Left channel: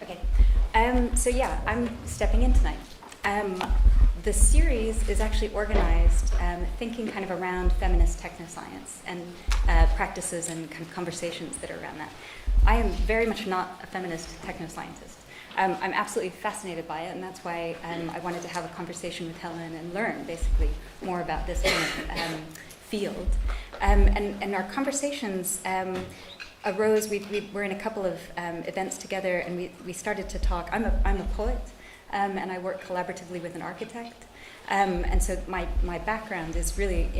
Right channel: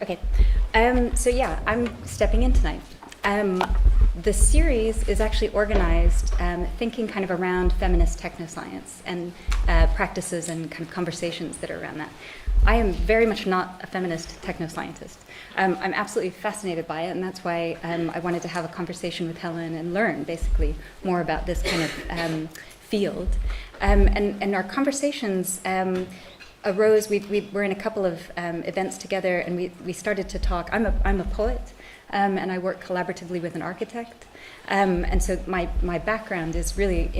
Okay, so yeah, I'm stepping in tonight. The series is actually organized thinking kind of around feminist technoscience and practices and kind of conversations that are around that. I am very much not a feminist technoscientist. I'm absolutely fascinated by it, and that's why I wanted to have a conversation with Helen and learn, basically, more about this kind of field. And our conversations arose. We were in a couple of events together, and we started to talk. I'm a poet, and I work collaboratively with an architect. And so my background is really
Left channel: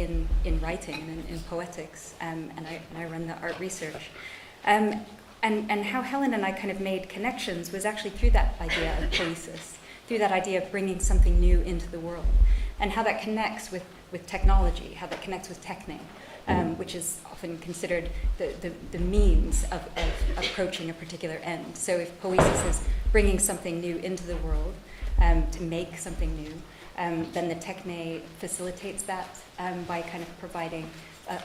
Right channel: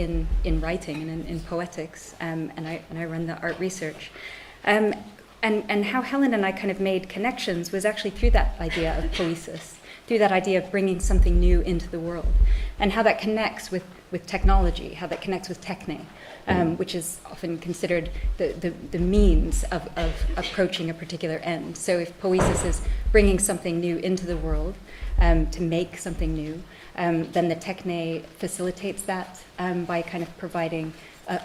in writing and in poetics, and I run the art research. And how Helen and I kind of made connections was actually through that idea of poesis, through that idea of bringing something new into the world, and how that connects with technology, how that connects with techne, which is often considered the means of approaching a particular end. So if poesis is bringing something new into the world, to make something new, then the techne facilitates that by kind of providing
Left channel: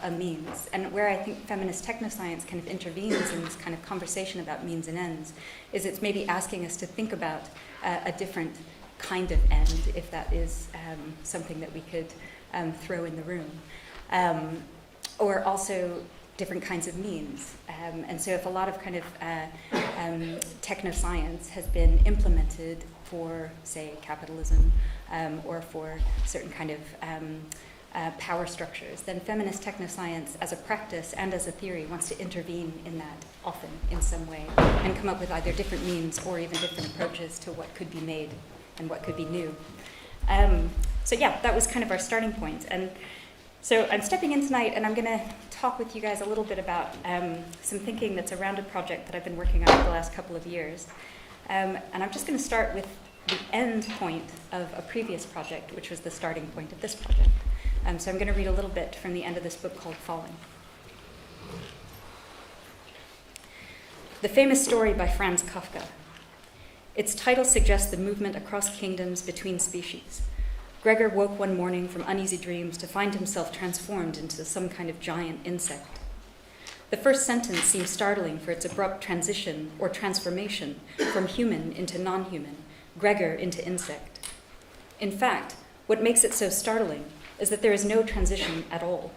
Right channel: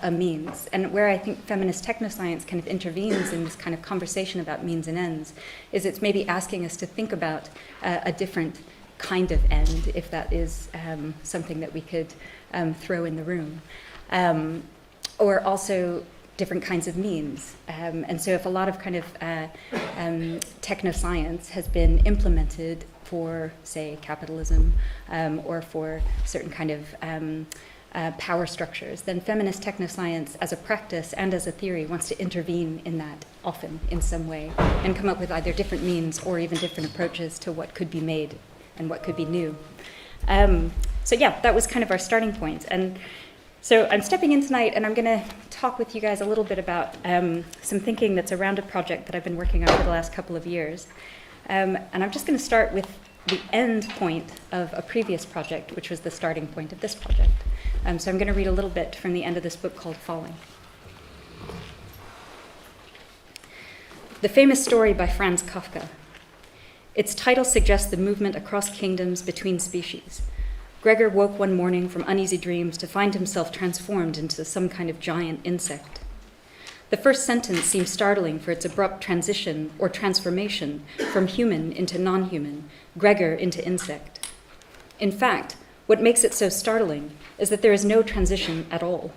a means. And where I think feminist technoscience kind of intervenes in this kind of conversation about means and ends is it's maybe asking us to think about a different kind of end, if that is something that we could throw in the room. Or also different kinds of means. And so if a lot of kind of technoscience has been implemented for, say, capitalism or for certain kind of power structures, then feminist technoscience as a practice and as a theory wants to intervene in that often in some way and come up with either different means or even different approaches to what could be made and what could be new. So yeah, that was kind of our starting point. And so I'm stepping in tonight, and I'm going to talk with you guys a little bit about some thinking that's around a project that I've been working on for the last couple of years. And I'm just going to start with the end point of a previous project, which was the starting point of this project. So I'm going to read a little bit from the end of this book called Falling. The famous story by Franz Kafka. Its title suggests the movement across kingdoms between species. Gregor woke one morning from uneasy dreams to find himself transformed into some kind of giant insect. The first sentence seems startling for its abrupt transition or transformation from human into non-human, Gregor into insect. In fact, what makes it so startling is that there is no transition at all.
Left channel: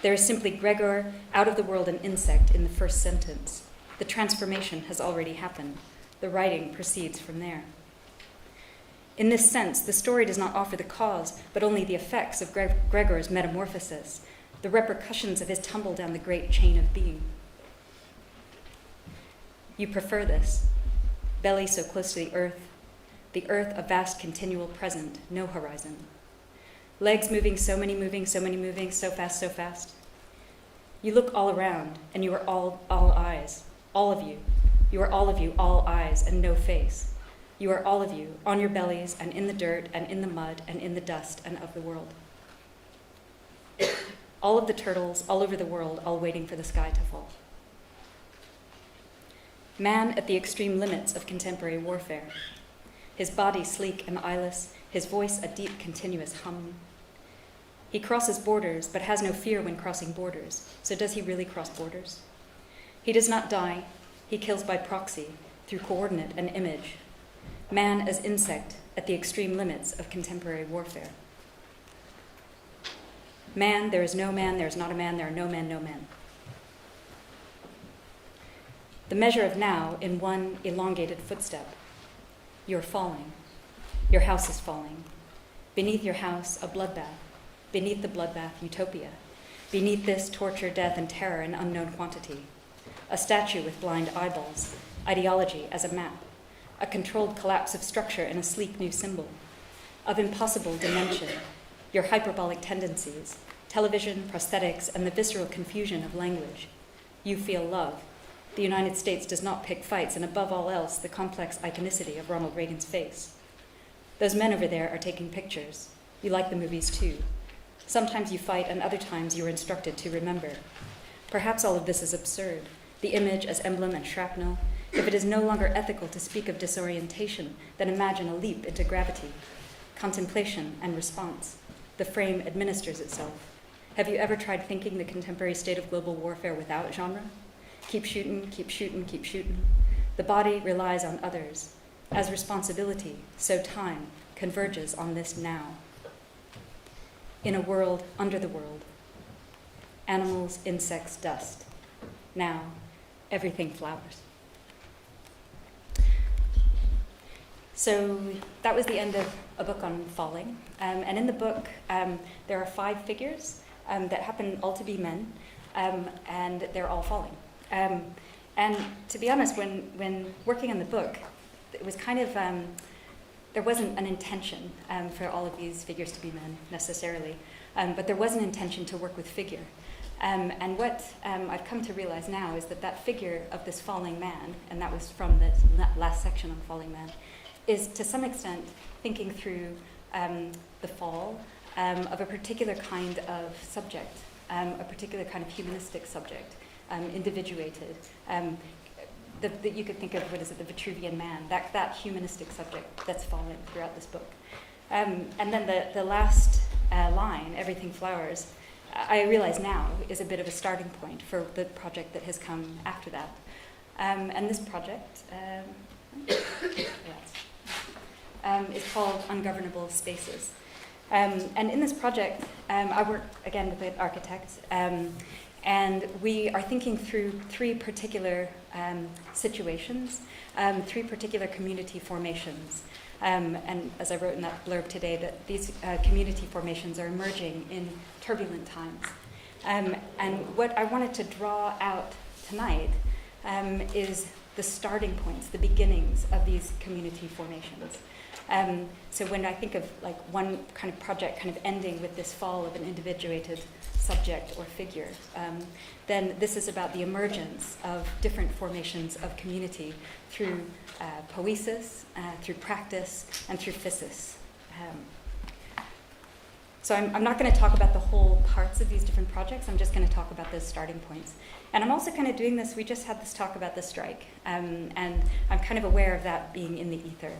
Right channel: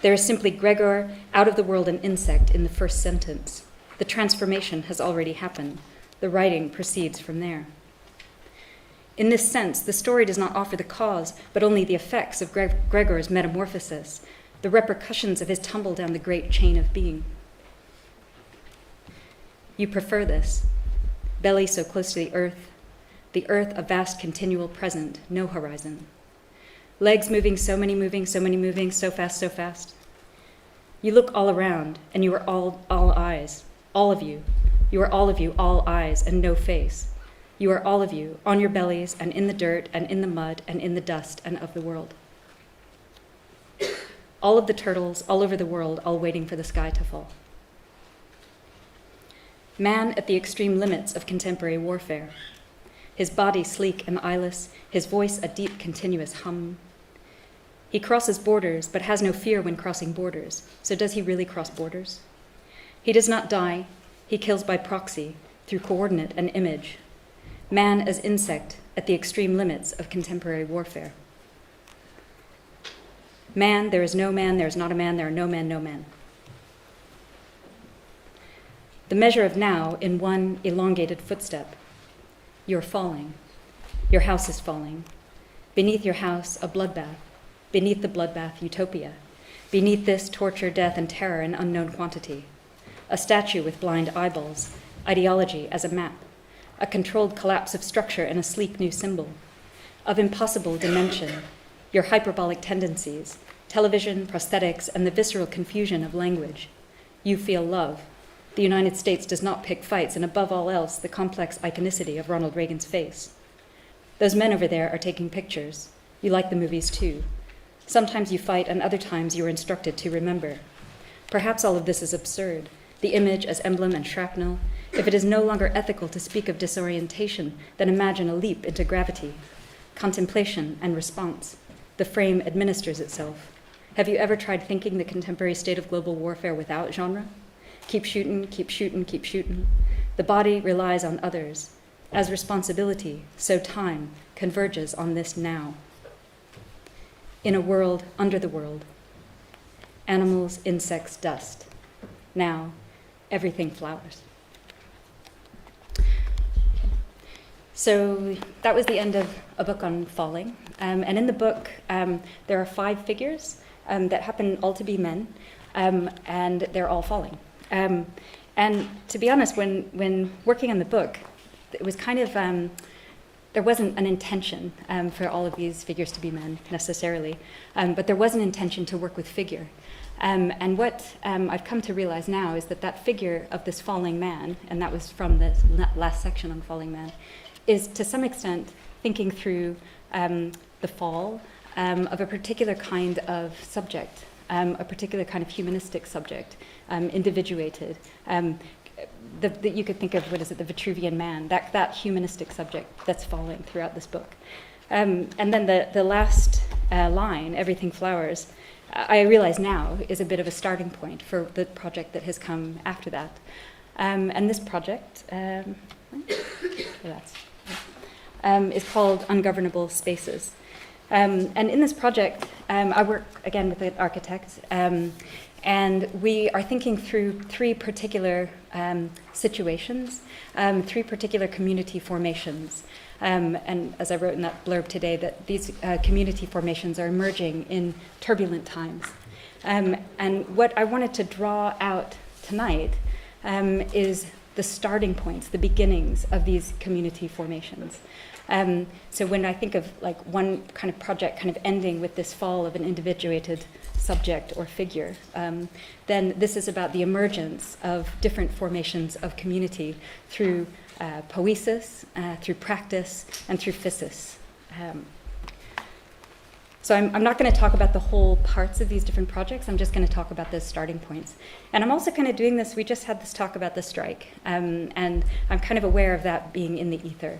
There is simply Gregor, out of the world an insect, in the first sentence. The transformation has already happened. The writing proceeds from there. In this sense, the story does not offer the cause, but only the effects of Gregor's metamorphosis, the repercussions of his tumble down the great chain of being. You prefer this. Belly so close to the earth a vast continual present, no horizon. Legs moving, so many moving, so fast, so fast. You look all around, and you are all eyes, all of you. You are all of you, all eyes, and no face. You are all of you, on your bellies, and in the dirt, and in the mud, and in the dust, and of the world. All of the turtles, all over the world, all waiting for the sky to fall. Man at the extreme limits of contemporary warfare. His body sleek and eyeless, his voice a deep, continuous hum. He crosses borders, but has no fear when crossing borders. So does he really cross borders? He does not die. He kills by proxy, through coordinate and image. Man as insect at the extreme limits of contemporary warfare. Man, there is no man, there is not a man, there are no men, no man. The measure of now in one elongated footstep. You're falling. Your house is falling. Beneath your house, a bloodbath. Beneath the bloodbath, utopia. Beneath this, torture, death, and terror in unknown quantity. A statue with blind eyeballs. Ideology as a map. A controlled collapse of structure and a sleek new symbol. Of impossible dimension. Your hyperbolic tendencies. Television, prosthetics, and the visceral confusion of language. You feel love. The United States does not pick fights, and above all else, the complex iconicity of Ronald Reagan's face. Those men over there are taking pictures. You like the movies too. Sometimes you fight, and other times you are instructed to remember. Perhaps all of this is absurd, the image as emblem and shrapnel. If it is no longer ethical to speak of disorientation, then imagine a leap into gravity. Contemplation and response. The frame administers itself. Have you ever tried thinking the contemporary state of global warfare without genre? Keep shooting, keep shooting, keep shooting. The body relies on others. As responsibility, so time converges on this now. In a world under the world. Animals, insects, dust. Now, everything flowers. So that was the end of a book on falling. And in the book, there are 5 figures that happen all to be men, and they're all falling. And to be honest, when working on the book, it was kind of, there wasn't an intention for all of these figures to be men necessarily, but there was an intention to work with figure. And what I've come to realize now is that figure of this falling man, and that was from the last section on falling man, is to some extent thinking through the fall of a particular kind of subject, a particular kind of humanistic subject, individuated. That you could think of, what is it, the Vitruvian man, that humanistic subject that's falling throughout this book. And then the last line, everything flowers, I realize now is a bit of a starting point for the project that has come after that. And this project is called Ungovernable Spaces. And in this project, I work again with an architect, and we are thinking through 3 particular situations, 3 particular community formations. And as I wrote in that blurb today, that these community formations are emerging in turbulent times. And what I wanted to draw out tonight is the starting points, the beginnings of these community formations. So when I think of like one kind of project kind of ending with this fall of an individuated subject or figure, then this is about the emergence of different formations of community through poesis, through practice, and through physis. So I'm not going to talk about the whole parts of these different projects. I'm just going to talk about those starting points. And I'm also kind of doing this, we just had this talk about the strike, and I'm kind of aware of that being in the ether.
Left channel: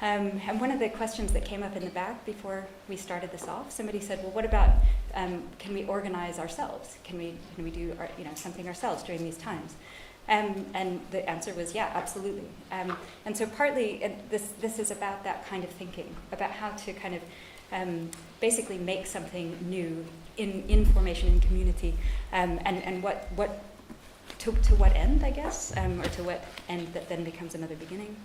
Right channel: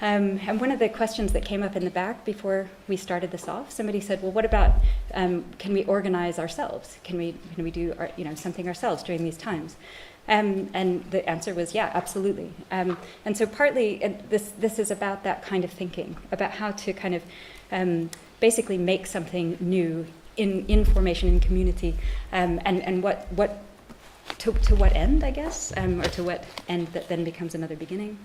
And one of the questions that came up in the back before we started this off, somebody said, well, what about, can we organize ourselves? Can we do something ourselves during these times? And the answer was, yeah, absolutely. And so partly this is about that kind of thinking, about how to kind of basically make something new in formation, in community, and what to what end, I guess, or to what end that then becomes another beginning.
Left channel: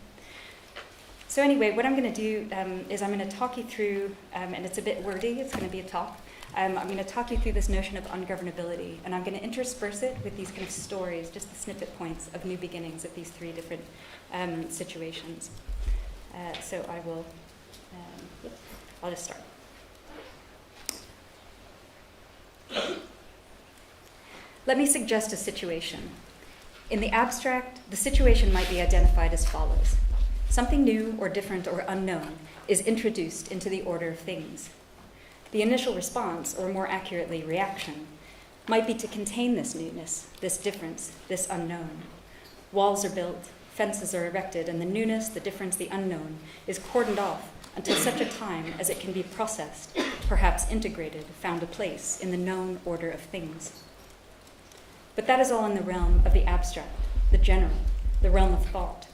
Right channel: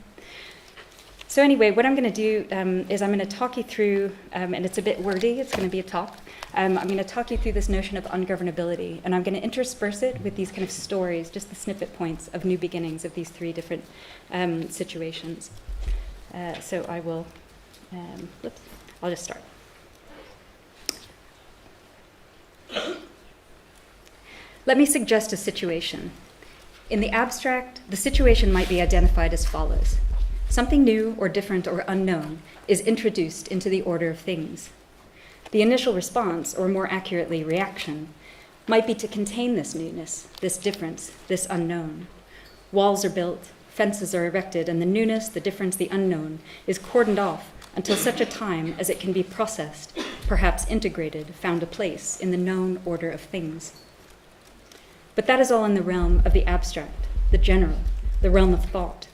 So anyway, what I'm going to do is I'm going to talk you through, and it's a bit wordy, it's going to be a talk. I'm going to talk you through this notion of ungovernability, and I'm going to intersperse it with these kind of stories, just the snippet points of new beginnings of these 3 different situations. So I will, I'll just start. Let me suggest a situation. In the abstract, the situation might be identified as follows. Something new or different or unknown is introduced into the order of things. The initial response, or more accurately, reaction, might be to contain this newness, this difference, this unknown. Walls are built, fences are erected, and the newness, the difference, the unknown is cordoned off until such a time as it can be processed, perhaps integrated, found a place in the known order of things. But that is all in the realm of the abstract, the general, the realm of thought.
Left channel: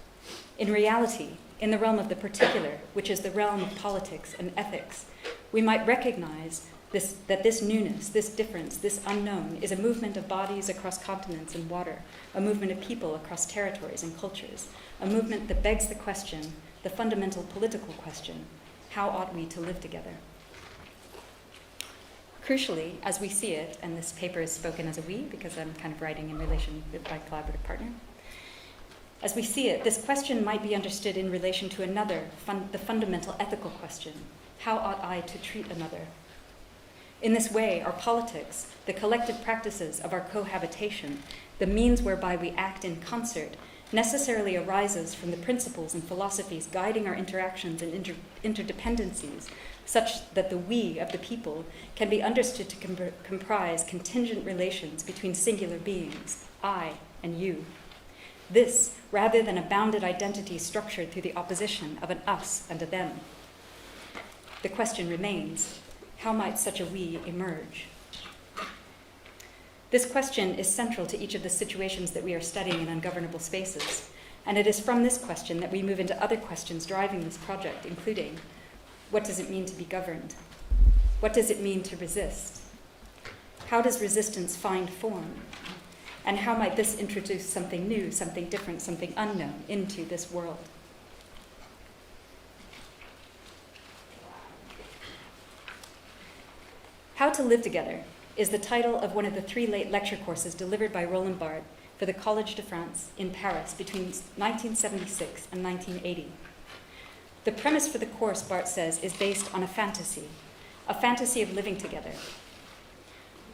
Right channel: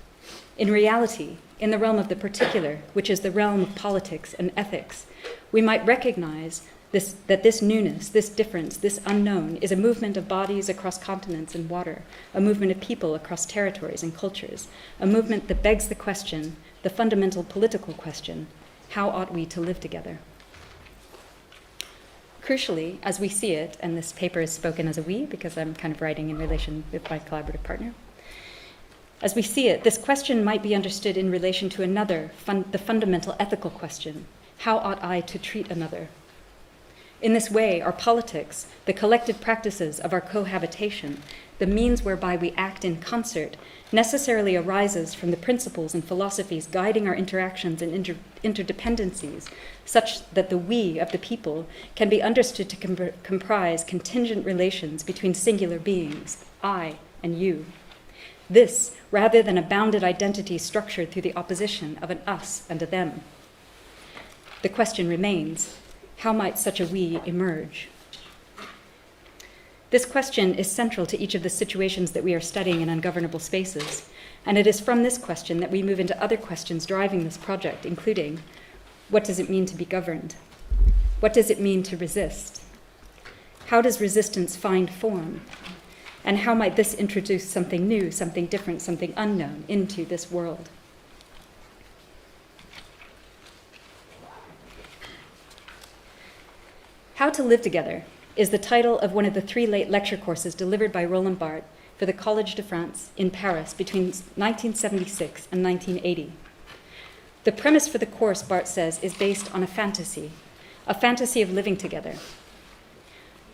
In reality, in the realm of the particular, which is the realm of politics and ethics, we might recognize that this newness, this difference, this unknown is a movement of bodies across continents and water, a movement of people across territories and cultures, a movement that begs the question, the fundamental political question, how ought we to live together? Crucially, as we see it, and this paper is spoken as a we because I'm kind of writing in relation with my collaborative partner, as we see it, this question might be understood in relation to another, the fundamental ethical question, how ought I to treat another? In this way, our politics, the collective practices of our cohabitation, the means whereby we act in concert, necessarily arises from the principles and philosophies guiding our interactions and interdependencies, such that the we of the people can be understood to comprise contingent relations between singular beings, I and you. This, rather than a bounded identity structured through the opposition of an us and a them. The question remains, how might such a we emerge? This question is central to each of the situations that we are studying in ungovernable spaces, And it is from this question that we move into other questions driving this project, including, what does it mean to be governed? What does it mean to resist? How does resistance find form? And how might this introduce something new, something different, something unknown into this world? How to Live Together is the title of one of the 3 late lecture courses delivered by Roland Barthes for the Collège de France in Paris between 1976 and 1980. The premise for the course, Barthes says, is based on a fantasy of living together.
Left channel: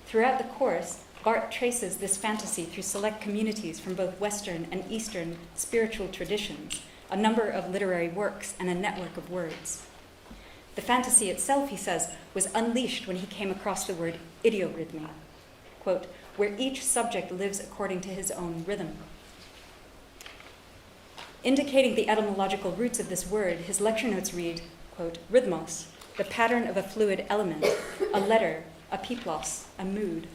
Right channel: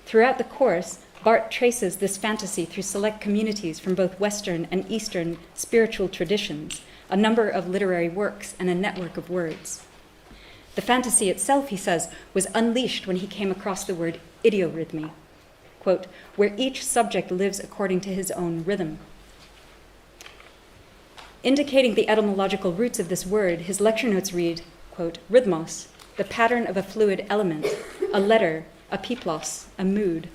Throughout the course, Barthes traces this fantasy through select communities from both Western and Eastern spiritual traditions, a number of literary works, and a network of words. The fantasy itself, he says, was unleashed when he came across the word idiorhythmy, quote, where each subject lives according to his own rhythm. Indicating the etymological roots of this word, his lecture notes read, quote, rhythmos, the pattern of a fluid element, a letter, a piplos, a mood,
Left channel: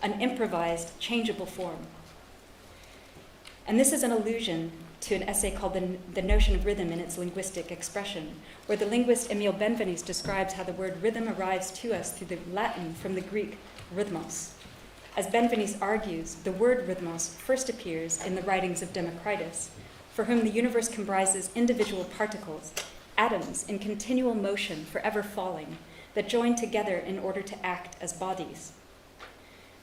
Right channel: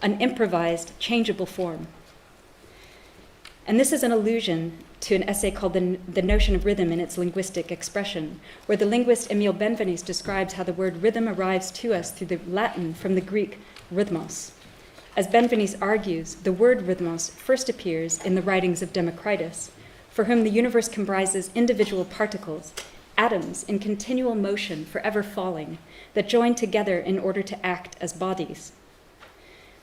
an improvised, changeable form. And this is an allusion to an essay called The Notion of Rhythm in its Linguistic Expression, where the linguist Emile Benveniste describes how the word rhythm arrives to us through the Latin from the Greek rhythmos. As Benveniste argues, the word rhythmos first appears in the writings of Democritus, for whom the universe comprises individual particles, atoms in continual motion, forever falling, that join together in order to act as bodies.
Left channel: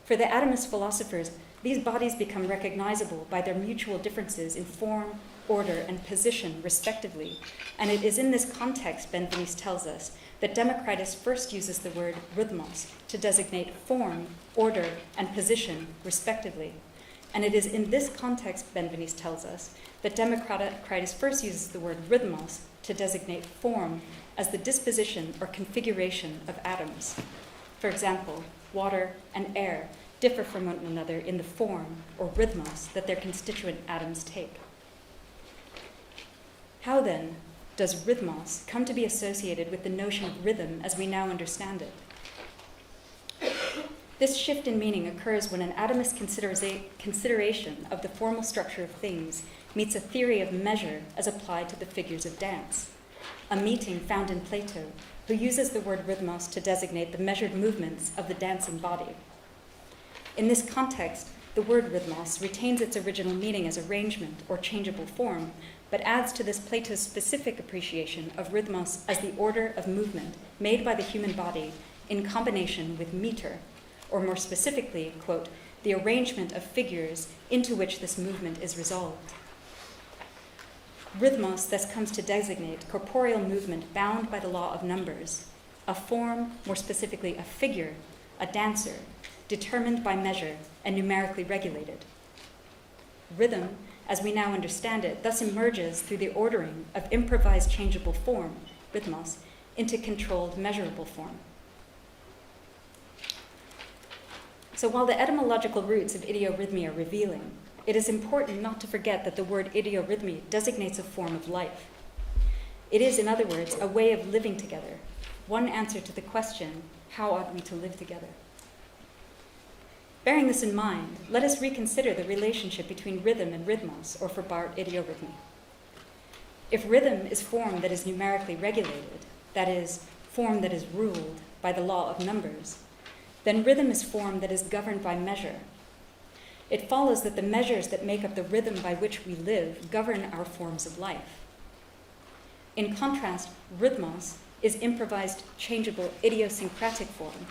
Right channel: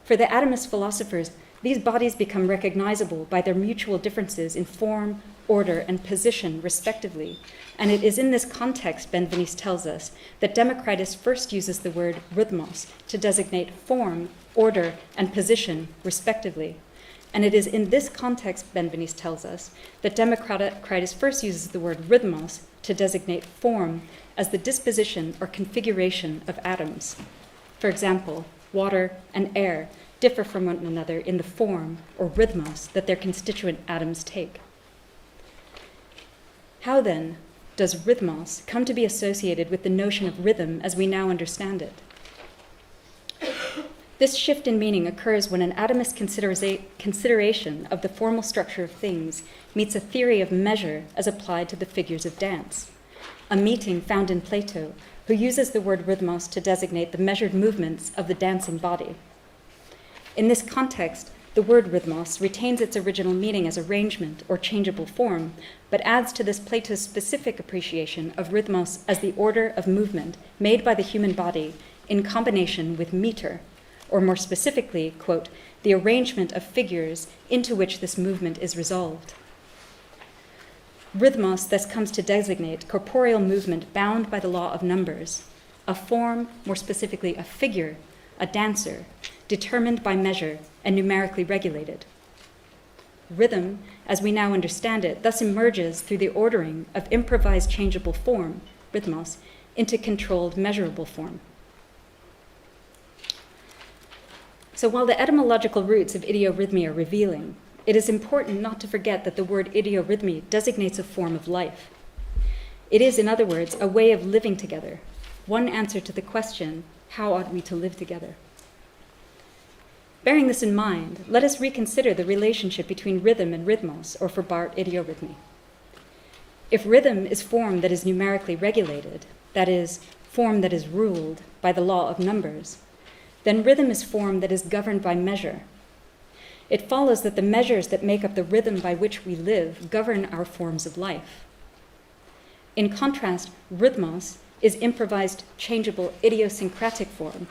For the atomist philosophers, these bodies become recognizable by their mutual differences in form, order, and position, respectively. And it is in this context, Benveniste tells us, that Democritus first uses the word rhythmos to designate form, order, and position, respectively. And it is in this context, Benveniste tells us, that Democritus first uses the word rhythmos to designate form as the disposition or configuration of atoms. For example, water and air differ from one another in the form, or rhythmos, that their constituent atoms take. How, then, does rhythmos come to be associated with the notion of rhythm as we now understand it? This shift in meaning occurs when an atomist consideration of the formal structure of things meets a theory of measure as applied to the figures of dance, a meeting found in Plato, who uses the word rhythmos to designate the measured movements of the dancing body. In this context, the word rhythmos retains its original meaning as arrangement or changeable form, but adds to this Plato's specific appreciation of rhythmos as the order of movement made by the human body in combination with meter, or more specifically, quote, the arrangement of figures into which this movement is resolved. Rhythmos thus comes to designate corporeal movement bound by the law of numbers, a form, more specifically a figure, a dancer, determined by measure and numerically regulated. Rhythm, as we now understand it, thus emerges through the ordering of improvised changeable form, rhythmos, into controlled measurable form. So while the etymological roots of idiorhythmy are revealing, it is important not to forget that the word idiorhythmy designates a form of life. It is, in other words, a way of living together, one answer to the question, how ought we to live together? Bearing this in mind, let us reconsider the relationship between rhythm and rhythmos, or for Barthes, idiorhythmy. If rhythm is form that is numerically regulated, that is, form that is ruled by the law of numbers, then rhythm is form that is governed by measure. It follows that the measures that make up the rhythm by which we live govern our forms of life. In contrast, rhythmos is improvised, changeable, idiosyncratic form.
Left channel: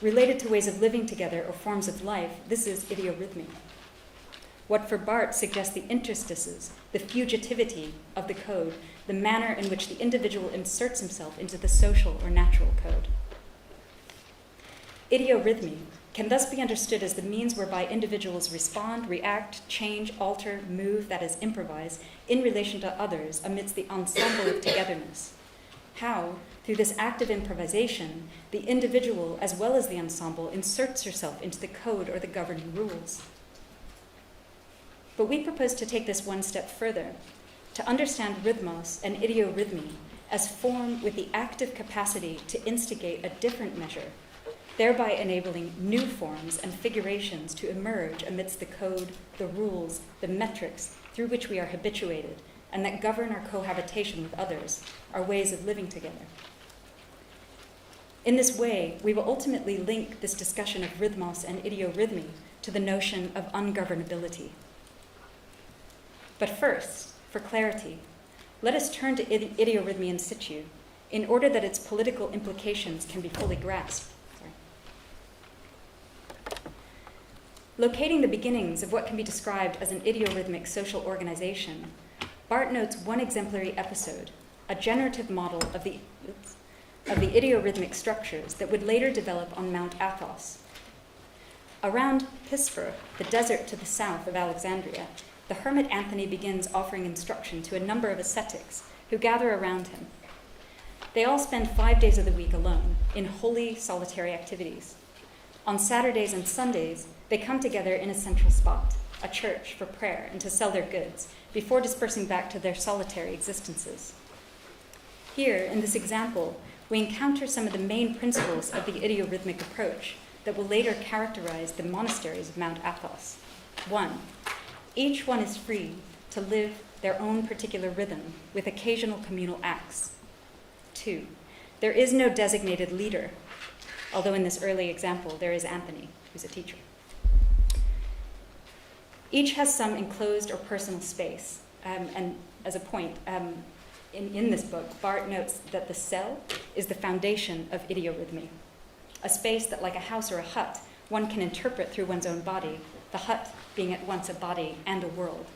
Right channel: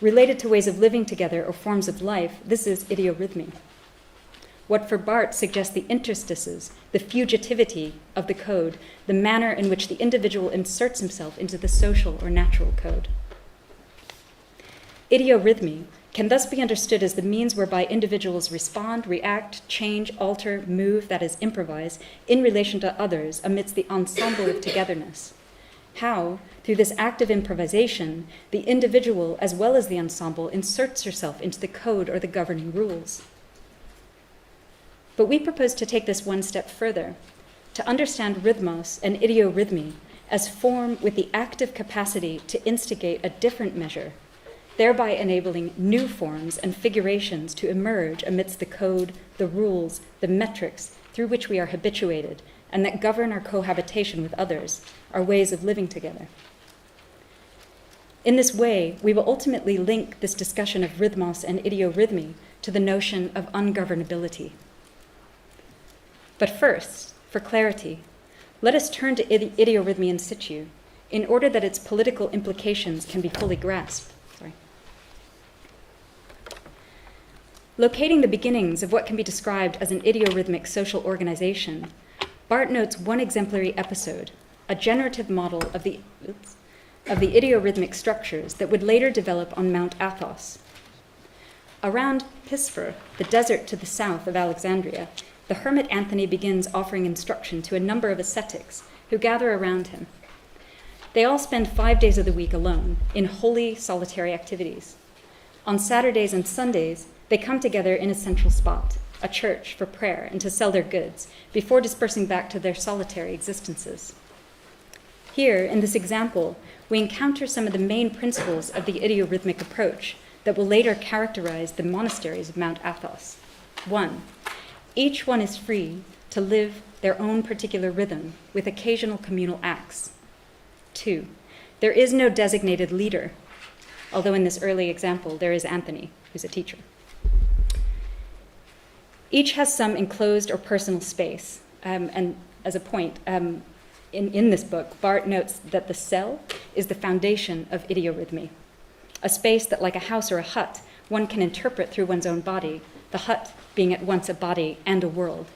Related to ways of living together or forms of life, this is idiorhythmy. What for Barthes suggests the interstices, the fugitivity of the code, the manner in which the individual inserts himself into the social or natural code. Idiorhythmy can thus be understood as the means whereby individuals respond, react, change, alter, move, that is, improvise, in relation to others amidst the ensemble of togetherness. How, through this act of improvisation, the individual, as well as the ensemble, inserts herself into the code or the governing rules. But we propose to take this one step further, to understand rhythmos and idiorhythmy as form with the active capacity to instigate a different measure, thereby enabling new forms and figurations to emerge amidst the code, the rules, the metrics, through which we are habituated and that govern our cohabitation with others, our ways of living together. In this way, we will ultimately link this discussion of rhythmos and idiorhythmy to the notion of ungovernability. But first, for clarity, let us turn to idiorhythmy in situ in order that its political implications can be fully grasped. Locating the beginnings of what can be described as an idiorhythmic social organization, Barth notes one exemplary episode, a generative model of the idiorhythmic structures that would later develop on Mount Athos. Around Pisfar, the desert to the south of Alexandria, the hermit Anthony begins offering instruction to a number of ascetics who gather around him. They all spend 5 days of the week alone in holy, solitary activities. On Saturdays and Sundays, they come together in a central spot, a church, for prayer and to sell their goods before dispersing back to their solitary existences. Here, in this example, we encounter some of the main principles of the idiorhythmic approach that will later characterize the monasteries of Mount Athos. 1, each one is free to live their own particular rhythm with occasional communal acts. 2, there is no designated leader, although in this early example there is Anthony, who's a teacher. Each has some enclosed or personal space. And as a point, in this book, Barth notes that the cell is the foundation of idiorhythmy, a space that, like a house or a hut, one can interpret through one's own body, the hut being at once a body and a world,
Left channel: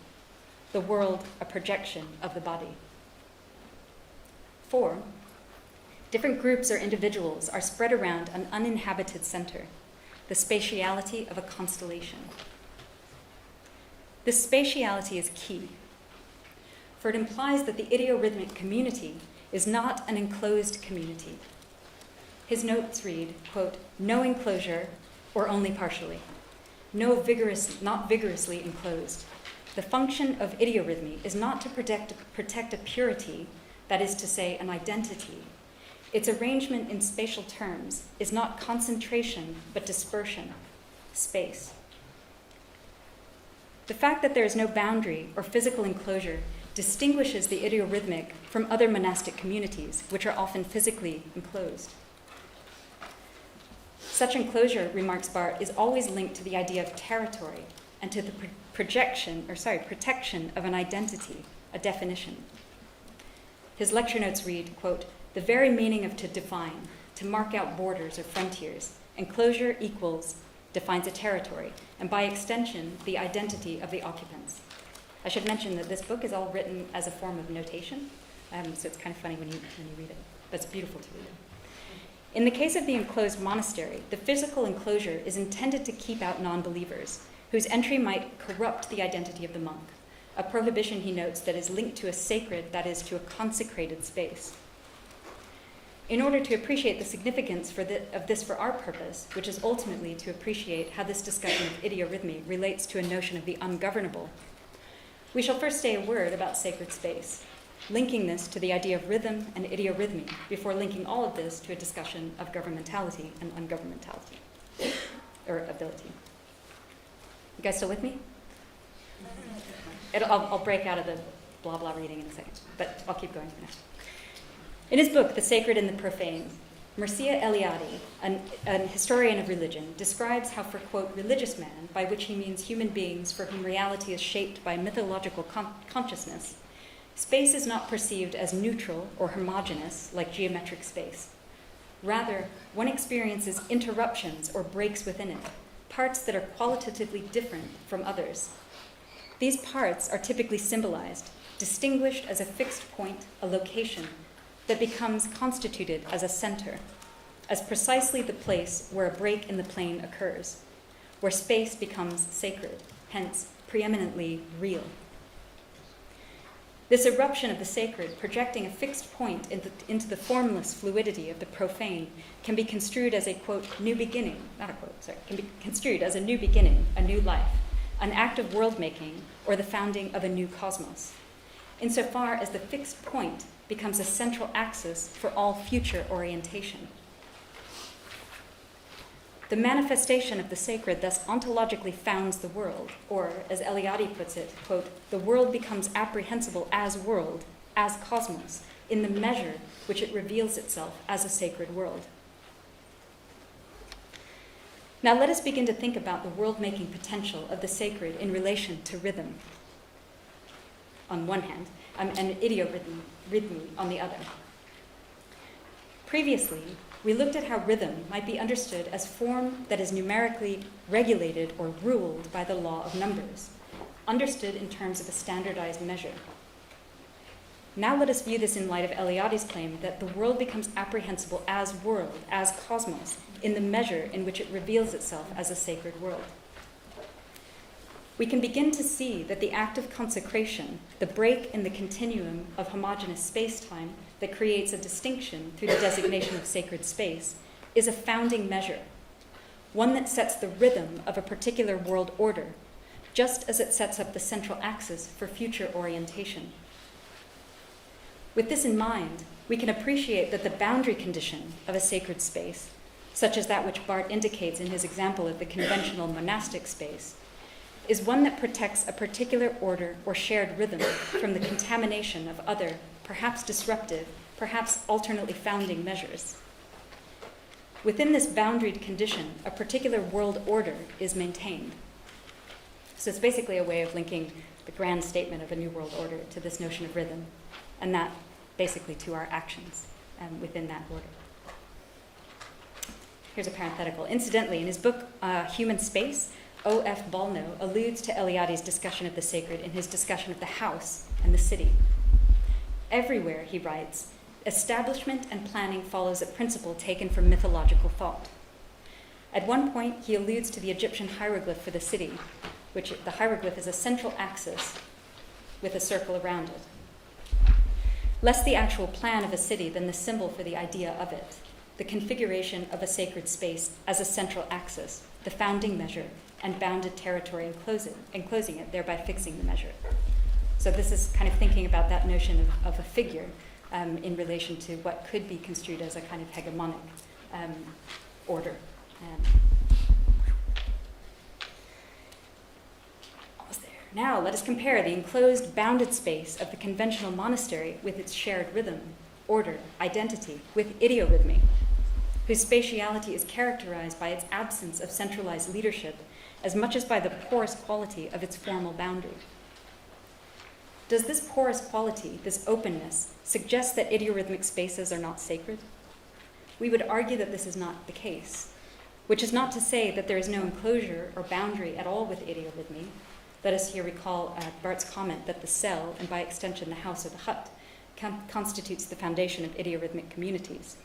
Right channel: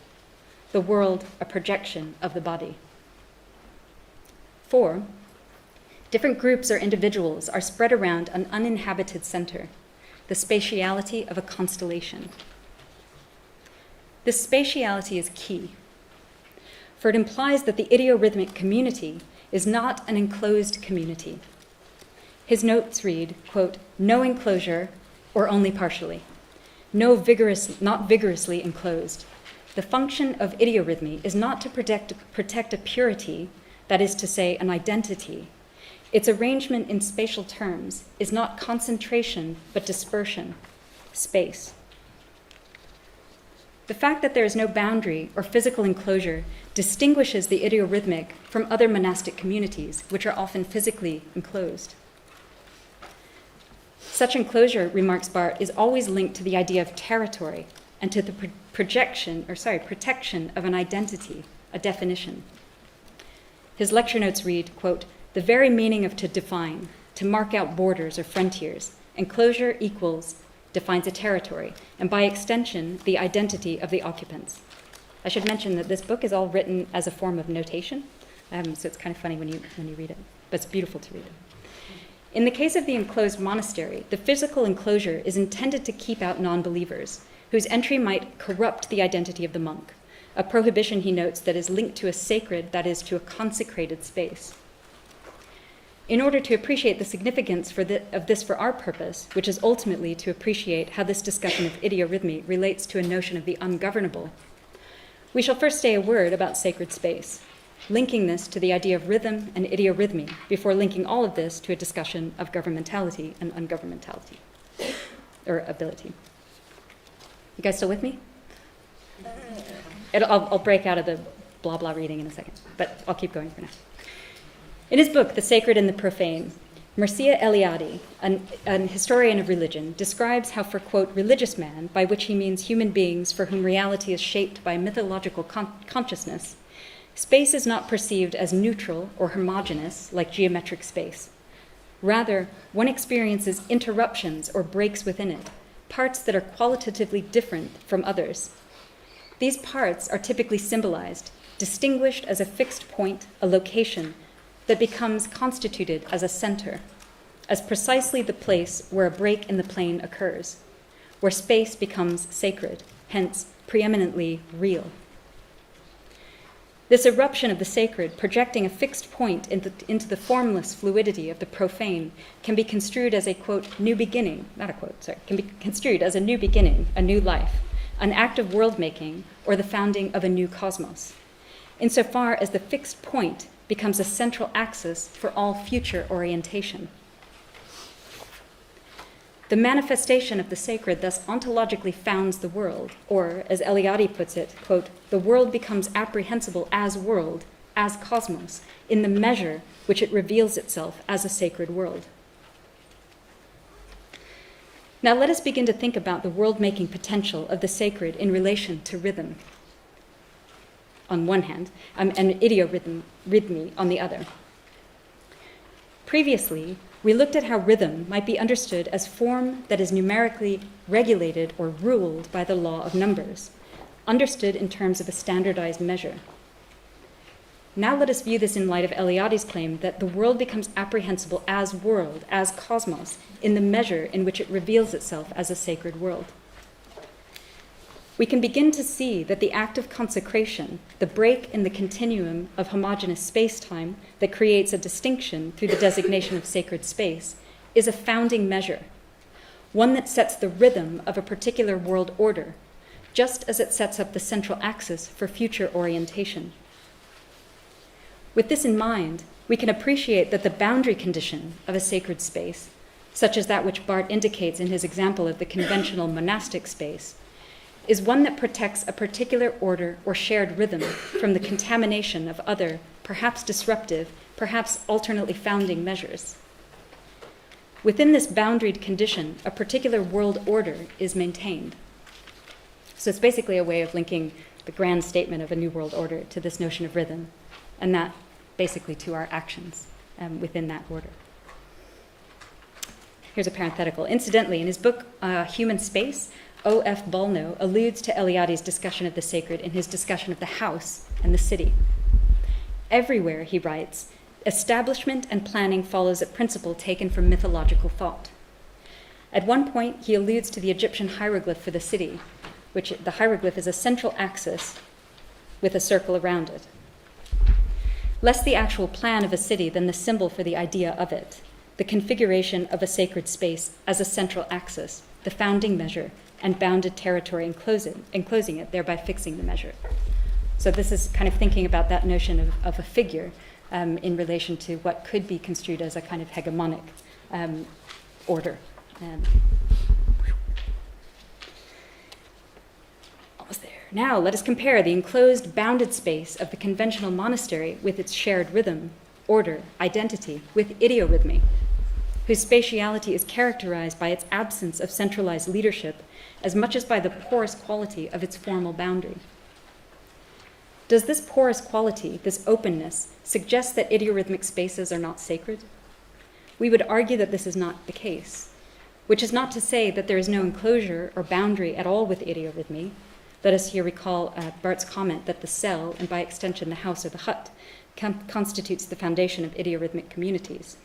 the world a projection of the body. 4, different groups or individuals are spread around an uninhabited center, the spatiality of a constellation. This spatiality is key, for it implies that the idiorhythmic community is not an enclosed community. His notes read, quote, no enclosure or only partially, not vigorously enclosed. The function of idiorhythmy is not to protect a purity, that is to say, an identity. Its arrangement in spatial terms is not concentration, but dispersion, space. The fact that there is no boundary or physical enclosure distinguishes the idiorhythmic from other monastic communities, which are often physically enclosed. Such enclosure, remarks Barth, is always linked to the idea of territory and to the protection of an identity, a definition. His lecture notes read, quote, the very meaning of to define, to mark out borders or frontiers, enclosure defines a territory, and by extension, the identity of the occupants. I should mention that this book is all written as a form of notation, so it's kind of funny when you read it, but it's beautiful to read it. In the case of the enclosed monastery, the physical enclosure is intended to keep out non-believers, whose entry might corrupt the identity of the monk, a prohibition, he notes, that is linked to a sacred, that is, to a consecrated space. In order to appreciate the significance of this for our purpose, which is ultimately to appreciate how this discussion of idiorhythmy relates to a notion of the ungovernable, we shall first say a word about sacred space, linking this to the idea of rhythm and idiorhythmy, before linking all of this to a discussion of governmentality and ungovernmentality, or ability. You guys still with me? I'll break out of the blah blah reading in a second, but I'll keep going for now. In his book, The Sacred and the Profane, Mircea Eliade, an historian of religion, describes how for, quote, religious man, by which he means human beings for whom reality is shaped by mythological consciousness, space is not perceived as neutral or homogeneous like geometric space. Rather, one experiences interruptions or breaks within it, parts that are qualitatively different from others. These parts are typically symbolized, distinguished as a fixed point, a location, that becomes constituted as a center, as precisely the place where a break in the plane occurs, where space becomes sacred, hence preeminently real. This eruption of the sacred, projecting a fixed point into the formless fluidity of the profane, can be construed as a, quote, new beginning, can be construed as a new beginning, a new life, an act of world-making, or the founding of a new cosmos, insofar as the fixed point becomes a central axis for all future orientation. The manifestation of the sacred thus ontologically founds the world, or, as Eliade puts it, quote, the world becomes apprehensible as world, as cosmos, in the measure which it reveals itself as a sacred world. Now let us begin to think about the world-making potential of the sacred in relation to rhythm, on one hand, and idiorhythmy on the other. Previously, we looked at how rhythm might be understood as form that is numerically regulated or ruled by the law of numbers, understood in terms of a standardized measure. Now let us view this in light of Eliade's claim that the world becomes apprehensible as world, as cosmos, in the measure in which it reveals itself as a sacred world. We can begin to see that the act of consecration, the break in the continuum of homogeneous space-time that creates a distinction through the designation of sacred space, is a founding measure, one that sets the rhythm of a particular world order, just as it sets up the central axis for future orientation. With this in mind, we can appreciate that the boundary condition of a sacred space, such as that which Barth indicates in his example of the conventional monastic space, is one that protects a particular order or shared rhythm from the contamination of other, perhaps disruptive, perhaps alternately founding measures. Within this boundaried condition, a particular world order is maintained. So it's basically a way of linking the grand statement of a new world order to this notion of rhythm, and that basically to our actions within that order. Here's a parenthetical. Incidentally, in his book, Human Space, O.F. Balno alludes to Eliade's discussion of the sacred in his discussion of the house and the city. Everywhere, he writes, establishment and planning follows a principle taken from mythological thought. At one point, he alludes to the Egyptian hieroglyph for the city, which the hieroglyph is a central axis with a circle around it. Less the actual plan of a city than the symbol for the idea of it, the configuration of a sacred space as a central axis, the founding measure, and bounded territory enclosing it, thereby fixing the measure. So this is kind of thinking about that notion of a figure in relation to what could be construed as a kind of hegemonic order. Almost there. Now let us compare the enclosed, bounded space of the conventional monastery with its shared rhythm, order, identity, with idiorhythmy, whose spatiality is characterized by its absence of centralized leadership as much as by the porous quality of its formal boundary. Does this porous quality, this openness, suggest that idiorhythmic spaces are not sacred? We would argue that this is not the case, which is not to say that there is no enclosure or boundary at all with idiorhythmy. Let us here recall Barth's comment that the cell, and by extension the house or the hut, constitutes the foundation of idiorhythmic communities.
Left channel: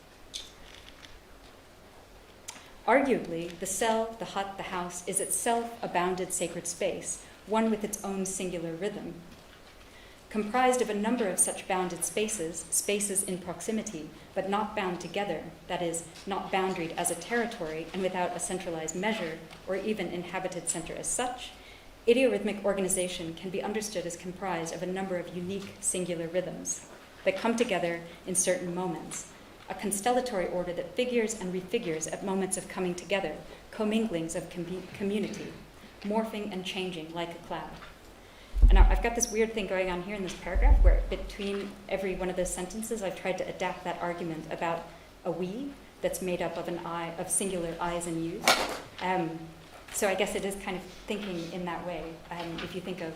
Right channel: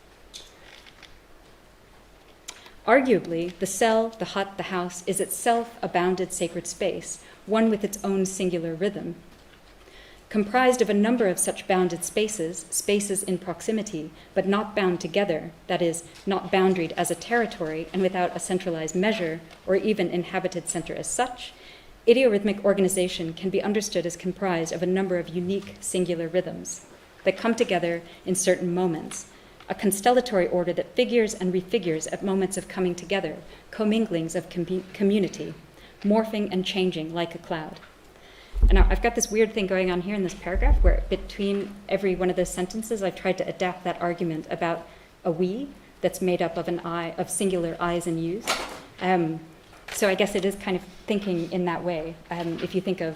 Arguably, the cell, the hut, the house is itself a bounded sacred space, one with its own singular rhythm. Comprised of a number of such bounded spaces, spaces in proximity, but not bound together, that is, not boundaried as a territory and without a centralized measure or even inhabited center as such, idiorhythmic organization can be understood as comprised of a number of unique singular rhythms that come together in certain moments, a constellatory order that figures and refigures at moments of coming together, comminglings of community, morphing and changing like a cloud. And now I've got this weird thing going on here in this paragraph where between every one of those sentences I've tried to adapt that argument about a we that's made up of an I, of singular I's and U's. So I guess it is kind of thinking in that way, if you think of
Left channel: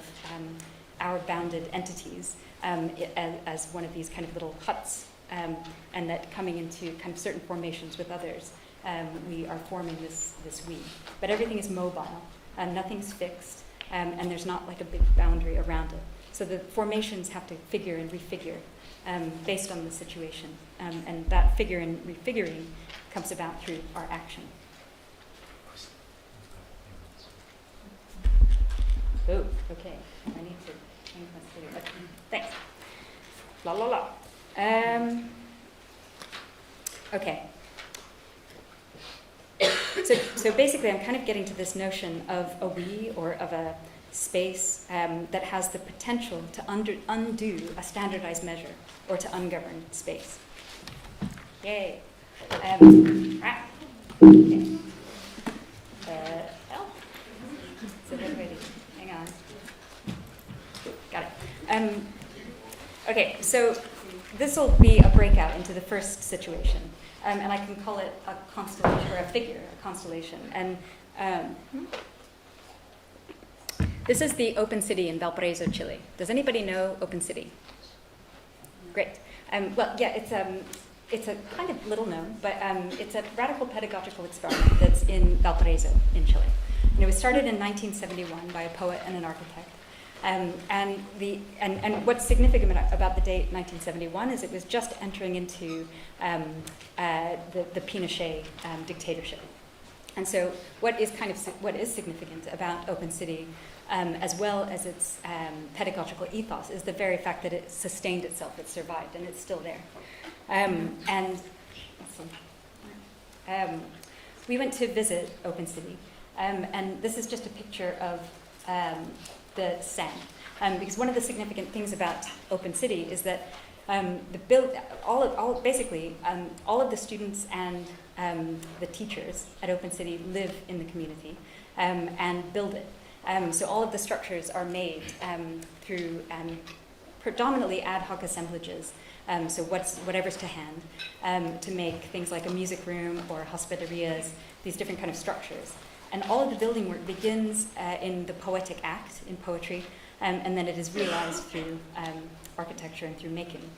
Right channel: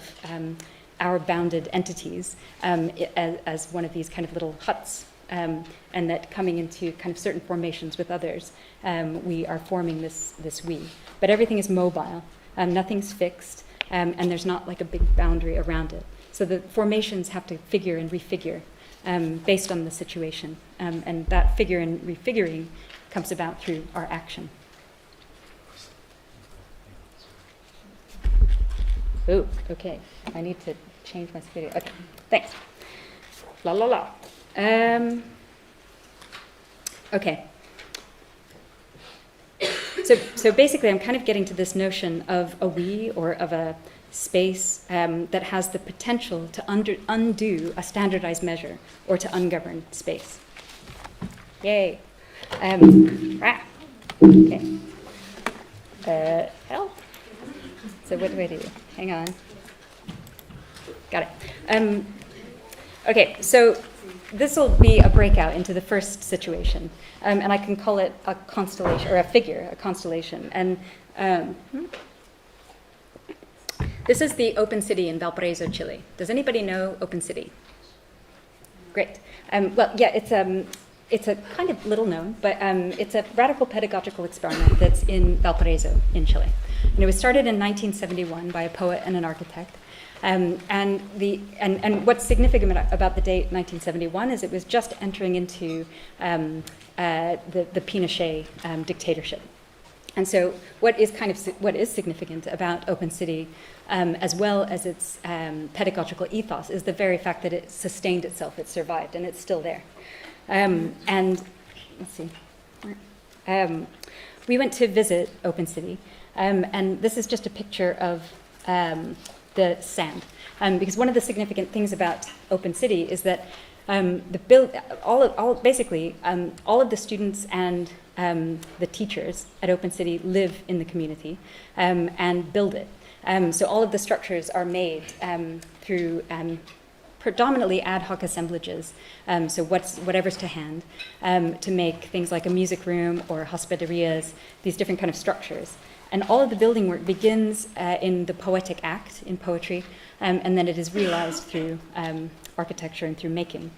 our bounded entities as one of these kind of little huts, and that coming into kind of certain formations with others, we are forming this we. But everything is mobile, nothing's fixed, and there's not like a big boundary around it. So the formations have to figure and refigure based on the situation, and that figure and refiguring comes about through our action. Oh, okay. I need to change my video. Okay, thanks. La la la. Okay. So basically, I'm kind of getting to this notion of a we or of a space that has the potential to undo a standardized measure or to ungovern space. Yay. Okay. L. So what do I do? Hang on. Got it. Okay, so this will be a breakout into the first situation, and I can call it a constellation, or a figure, a constellation. And this is the Open City in Valparaiso, Chile. Does anybody know Open City? Great. Well, yeah, it's a kind of little known, but it's a radical pedagogical experiment that's in Valparaiso in Chile. And it was started in 1971 by a poet and an architect. And what's significant about the date 1971 is it was just entering into the Pinochet dictatorship. And so what is significant about Open City, as well as its pedagogical ethos, is the very fact that it sustained itself, it survived, and it's still there. And let's see. We went to visit Open City, and this is just a picture of the sand. Because one of the significant things about Open City is that all of the students and the teachers at Open City live in the community and build it. So all of the structures are made through predominantly ad hoc assemblages. So whatever's to hand to make things like a music room or hospederias, these different kind of structures. And all of the building work begins in the poetic act, in poetry, and then it is realized through architecture and through making.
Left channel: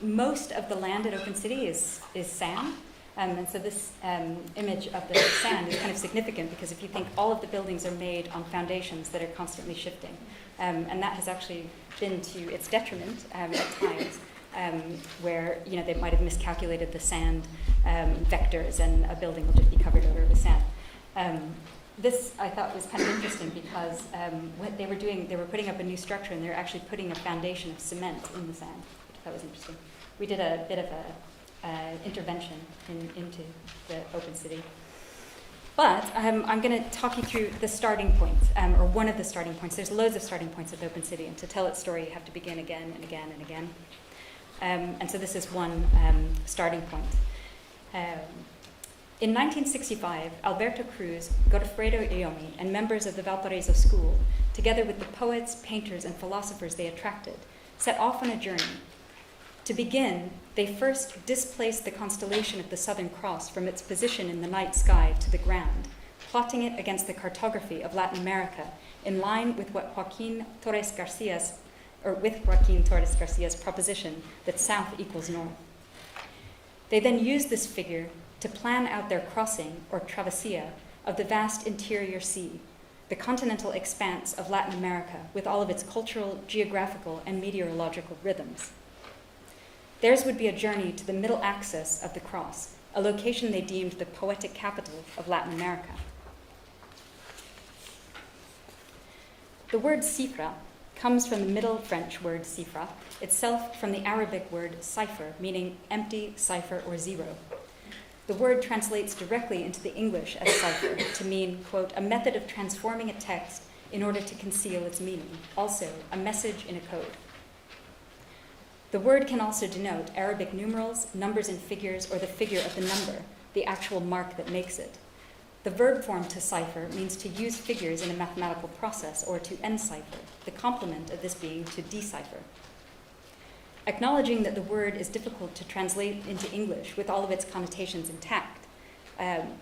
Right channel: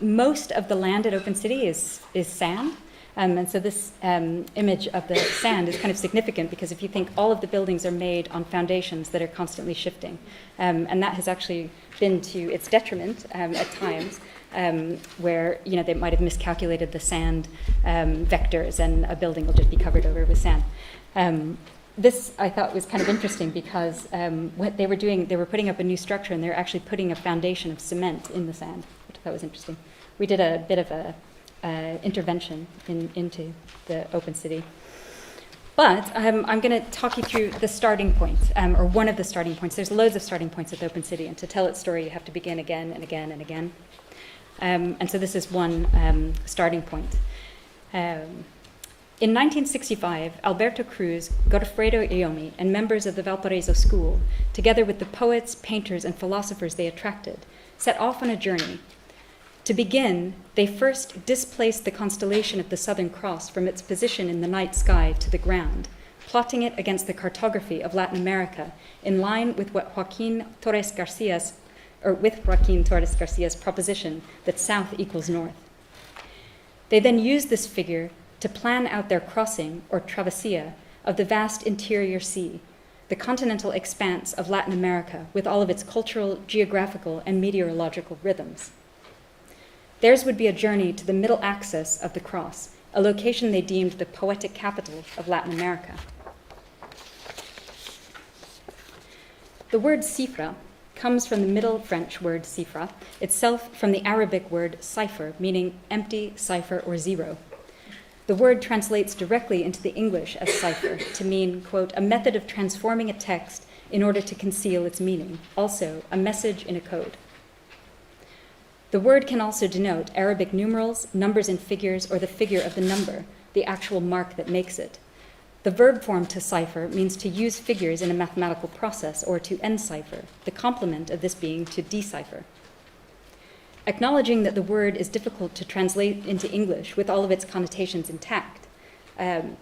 Most of the land at Open City is sand, and so this image of the sand is kind of significant because if you think all of the buildings are made on foundations that are constantly shifting, and that has actually been to its detriment at times, where they might have miscalculated the sand vectors and a building will just be covered over with sand. This I thought was kind of interesting because what they were doing, they were putting up a new structure and they were actually putting a foundation of cement in the sand, which I thought was interesting. We did a bit of a intervention into the Open City. But I'm going to talk you through the starting points, or one of the starting points. There's loads of starting points at the Open City, and to tell its story, you have to begin again and again and again. And so this is one starting point. In 1965, Alberto Cruz, Godofredo Iomi, and members of the Valparaiso School, together with the poets, painters, and philosophers they attracted, set off on a journey. To begin, they first displaced the constellation of the Southern Cross from its position in the night sky to the ground, plotting it against the cartography of Latin America, in line with Joaquin Torres Garcia's proposition that south equals north. They then used this figure to plan out their crossing, or travessia, of the vast interior sea, the continental expanse of Latin America with all of its cultural, geographical, and meteorological rhythms. Theirs would be a journey to the middle axis of the cross, a location they deemed the poetic capital of Latin America. The word cifra comes from the Middle French word cifra, itself from the Arabic word cipher, meaning empty, cipher, or zero. The word translates directly into the English as cipher to mean, quote, a method of transforming a text in order to conceal its meaning, also a message in a code. The word can also denote Arabic numerals, numbers and figures, or the figure of the number, the actual mark that makes it. The verb form to cipher means to use figures in a mathematical process, or to encipher, the complement of this being to decipher. Acknowledging that the word is difficult to translate into English with all of its connotations intact, Anne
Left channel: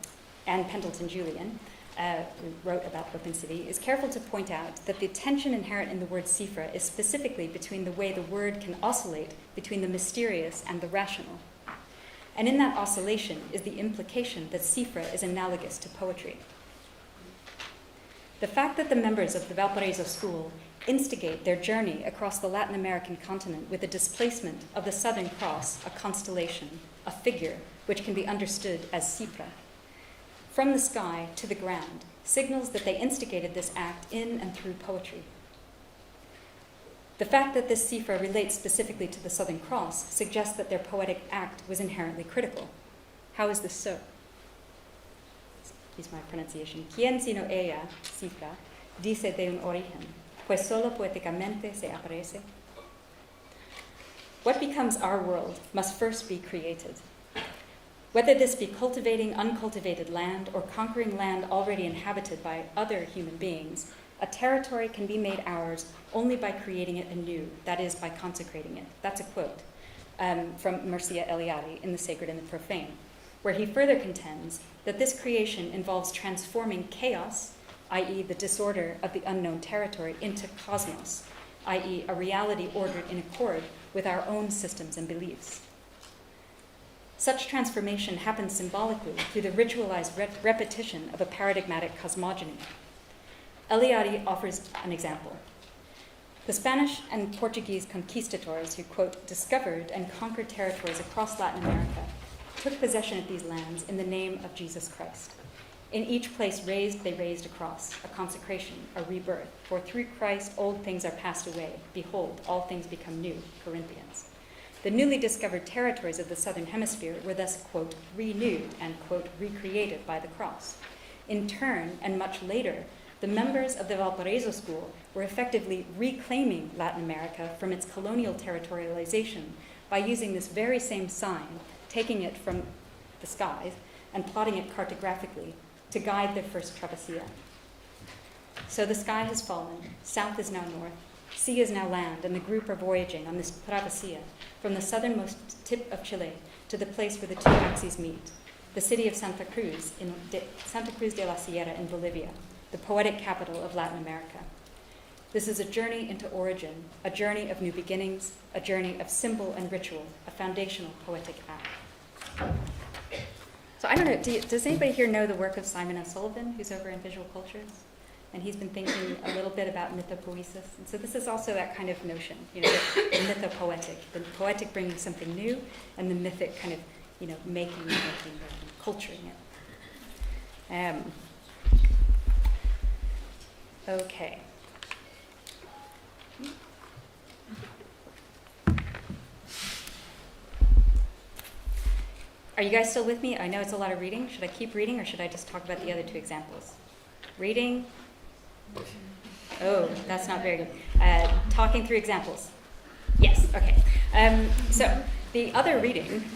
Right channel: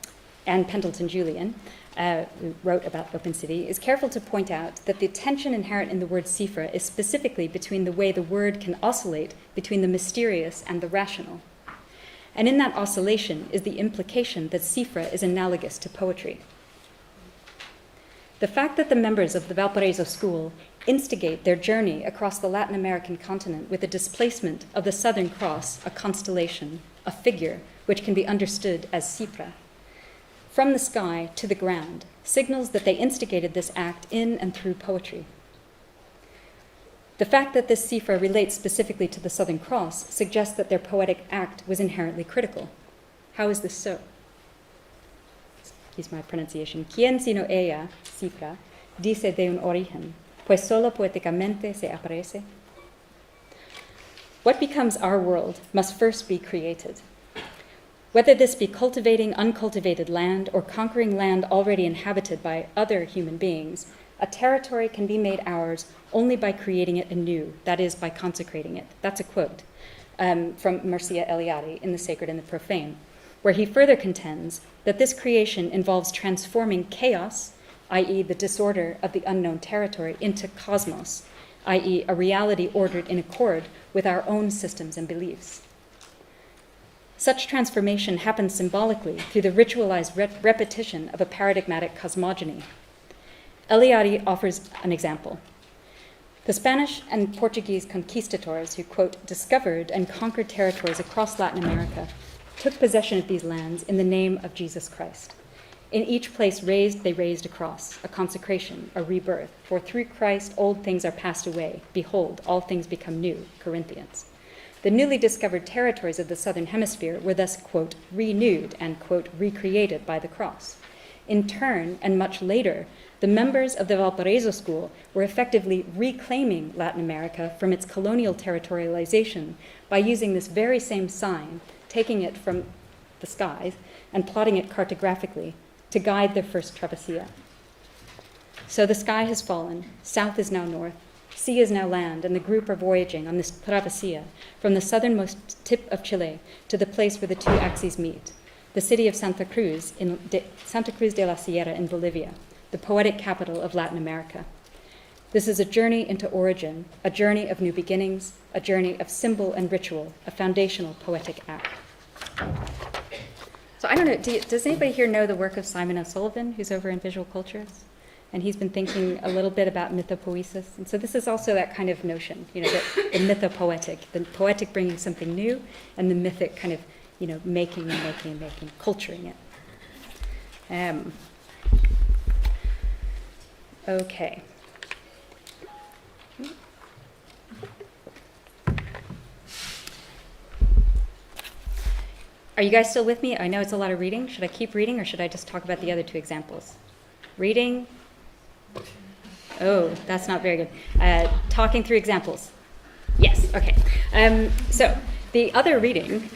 Pendleton-Julian, who wrote about Open City, is careful to point out that the tension inherent in the word cifra is specifically between the way the word can oscillate between the mysterious and the rational. And in that oscillation is the implication that cifra is analogous to poetry. The fact that the members of the Valparaiso School instigate their journey across the Latin American continent with the displacement of the Southern Cross, a constellation, a figure, which can be understood as cifra, from the sky to the ground, signals that they instigated this act in and through poetry. The fact that this cifra relates specifically to the Southern Cross suggests that their poetic act was inherently critical. How is this so? Here's my pronunciation. ¿Quién sino ella, cifra, dice de un origen, pues solo poéticamente se aparece? What becomes our world must first be created. Whether this be cultivating uncultivated land or conquering land already inhabited by other human beings, a territory can be made ours only by creating it anew, that is, by consecrating it. That's a quote from Mircea Eliade in The Sacred and the Profane, where he further contends that this creation involves transforming chaos, i.e. the disorder of the unknown territory, into cosmos, i.e. a reality ordered in accord with our own systems and beliefs. Such transformation happens symbolically through the ritualized repetition of a paradigmatic cosmogony. Eliade offers an example. The Spanish and Portuguese conquistadors who, quote, discovered and conquered territories across Latin America took possession of these lands in the name of Jesus Christ. In each place they raised a cross, a consecration, a rebirth. For through Christ old things are passed away. Behold, all things become new. Corinthians. The newly discovered territories of the Southern Hemisphere were thus, quote, renewed and, quote, recreated by the cross. In turn, and much later, the members of the Valparaiso school were effectively reclaiming Latin America from its colonial territorialization by using this very same sign, taking it from the skies and plotting it cartographically to guide their first travessia. So the sky has fallen, south is now north, sea is now land, and the group are voyaging on this travessia from the southernmost tip of Chile to the place where the two axes meet, the city of Santa Cruz de la Sierra in Bolivia, the poetic capital of Latin America. This is a journey into origin, a journey of new beginnings, a journey of symbol and ritual, a foundational poetic act. So I don't know, does anybody here know the work of Simon O'Sullivan, who's over in Visual Cultures? And he's been thinking a little bit about mythopoesis. And so this is also that kind of notion, the mythopoetic, the poetic bringing something new, and the mythic kind of, making, culturing it. Okay. Are you guys still with me? I know it's a lot of reading. Should I keep reading, or should I just talk about the other two examples? Reading. Oh, that's not very good. Talking through examples. Yes, okay. So the other reading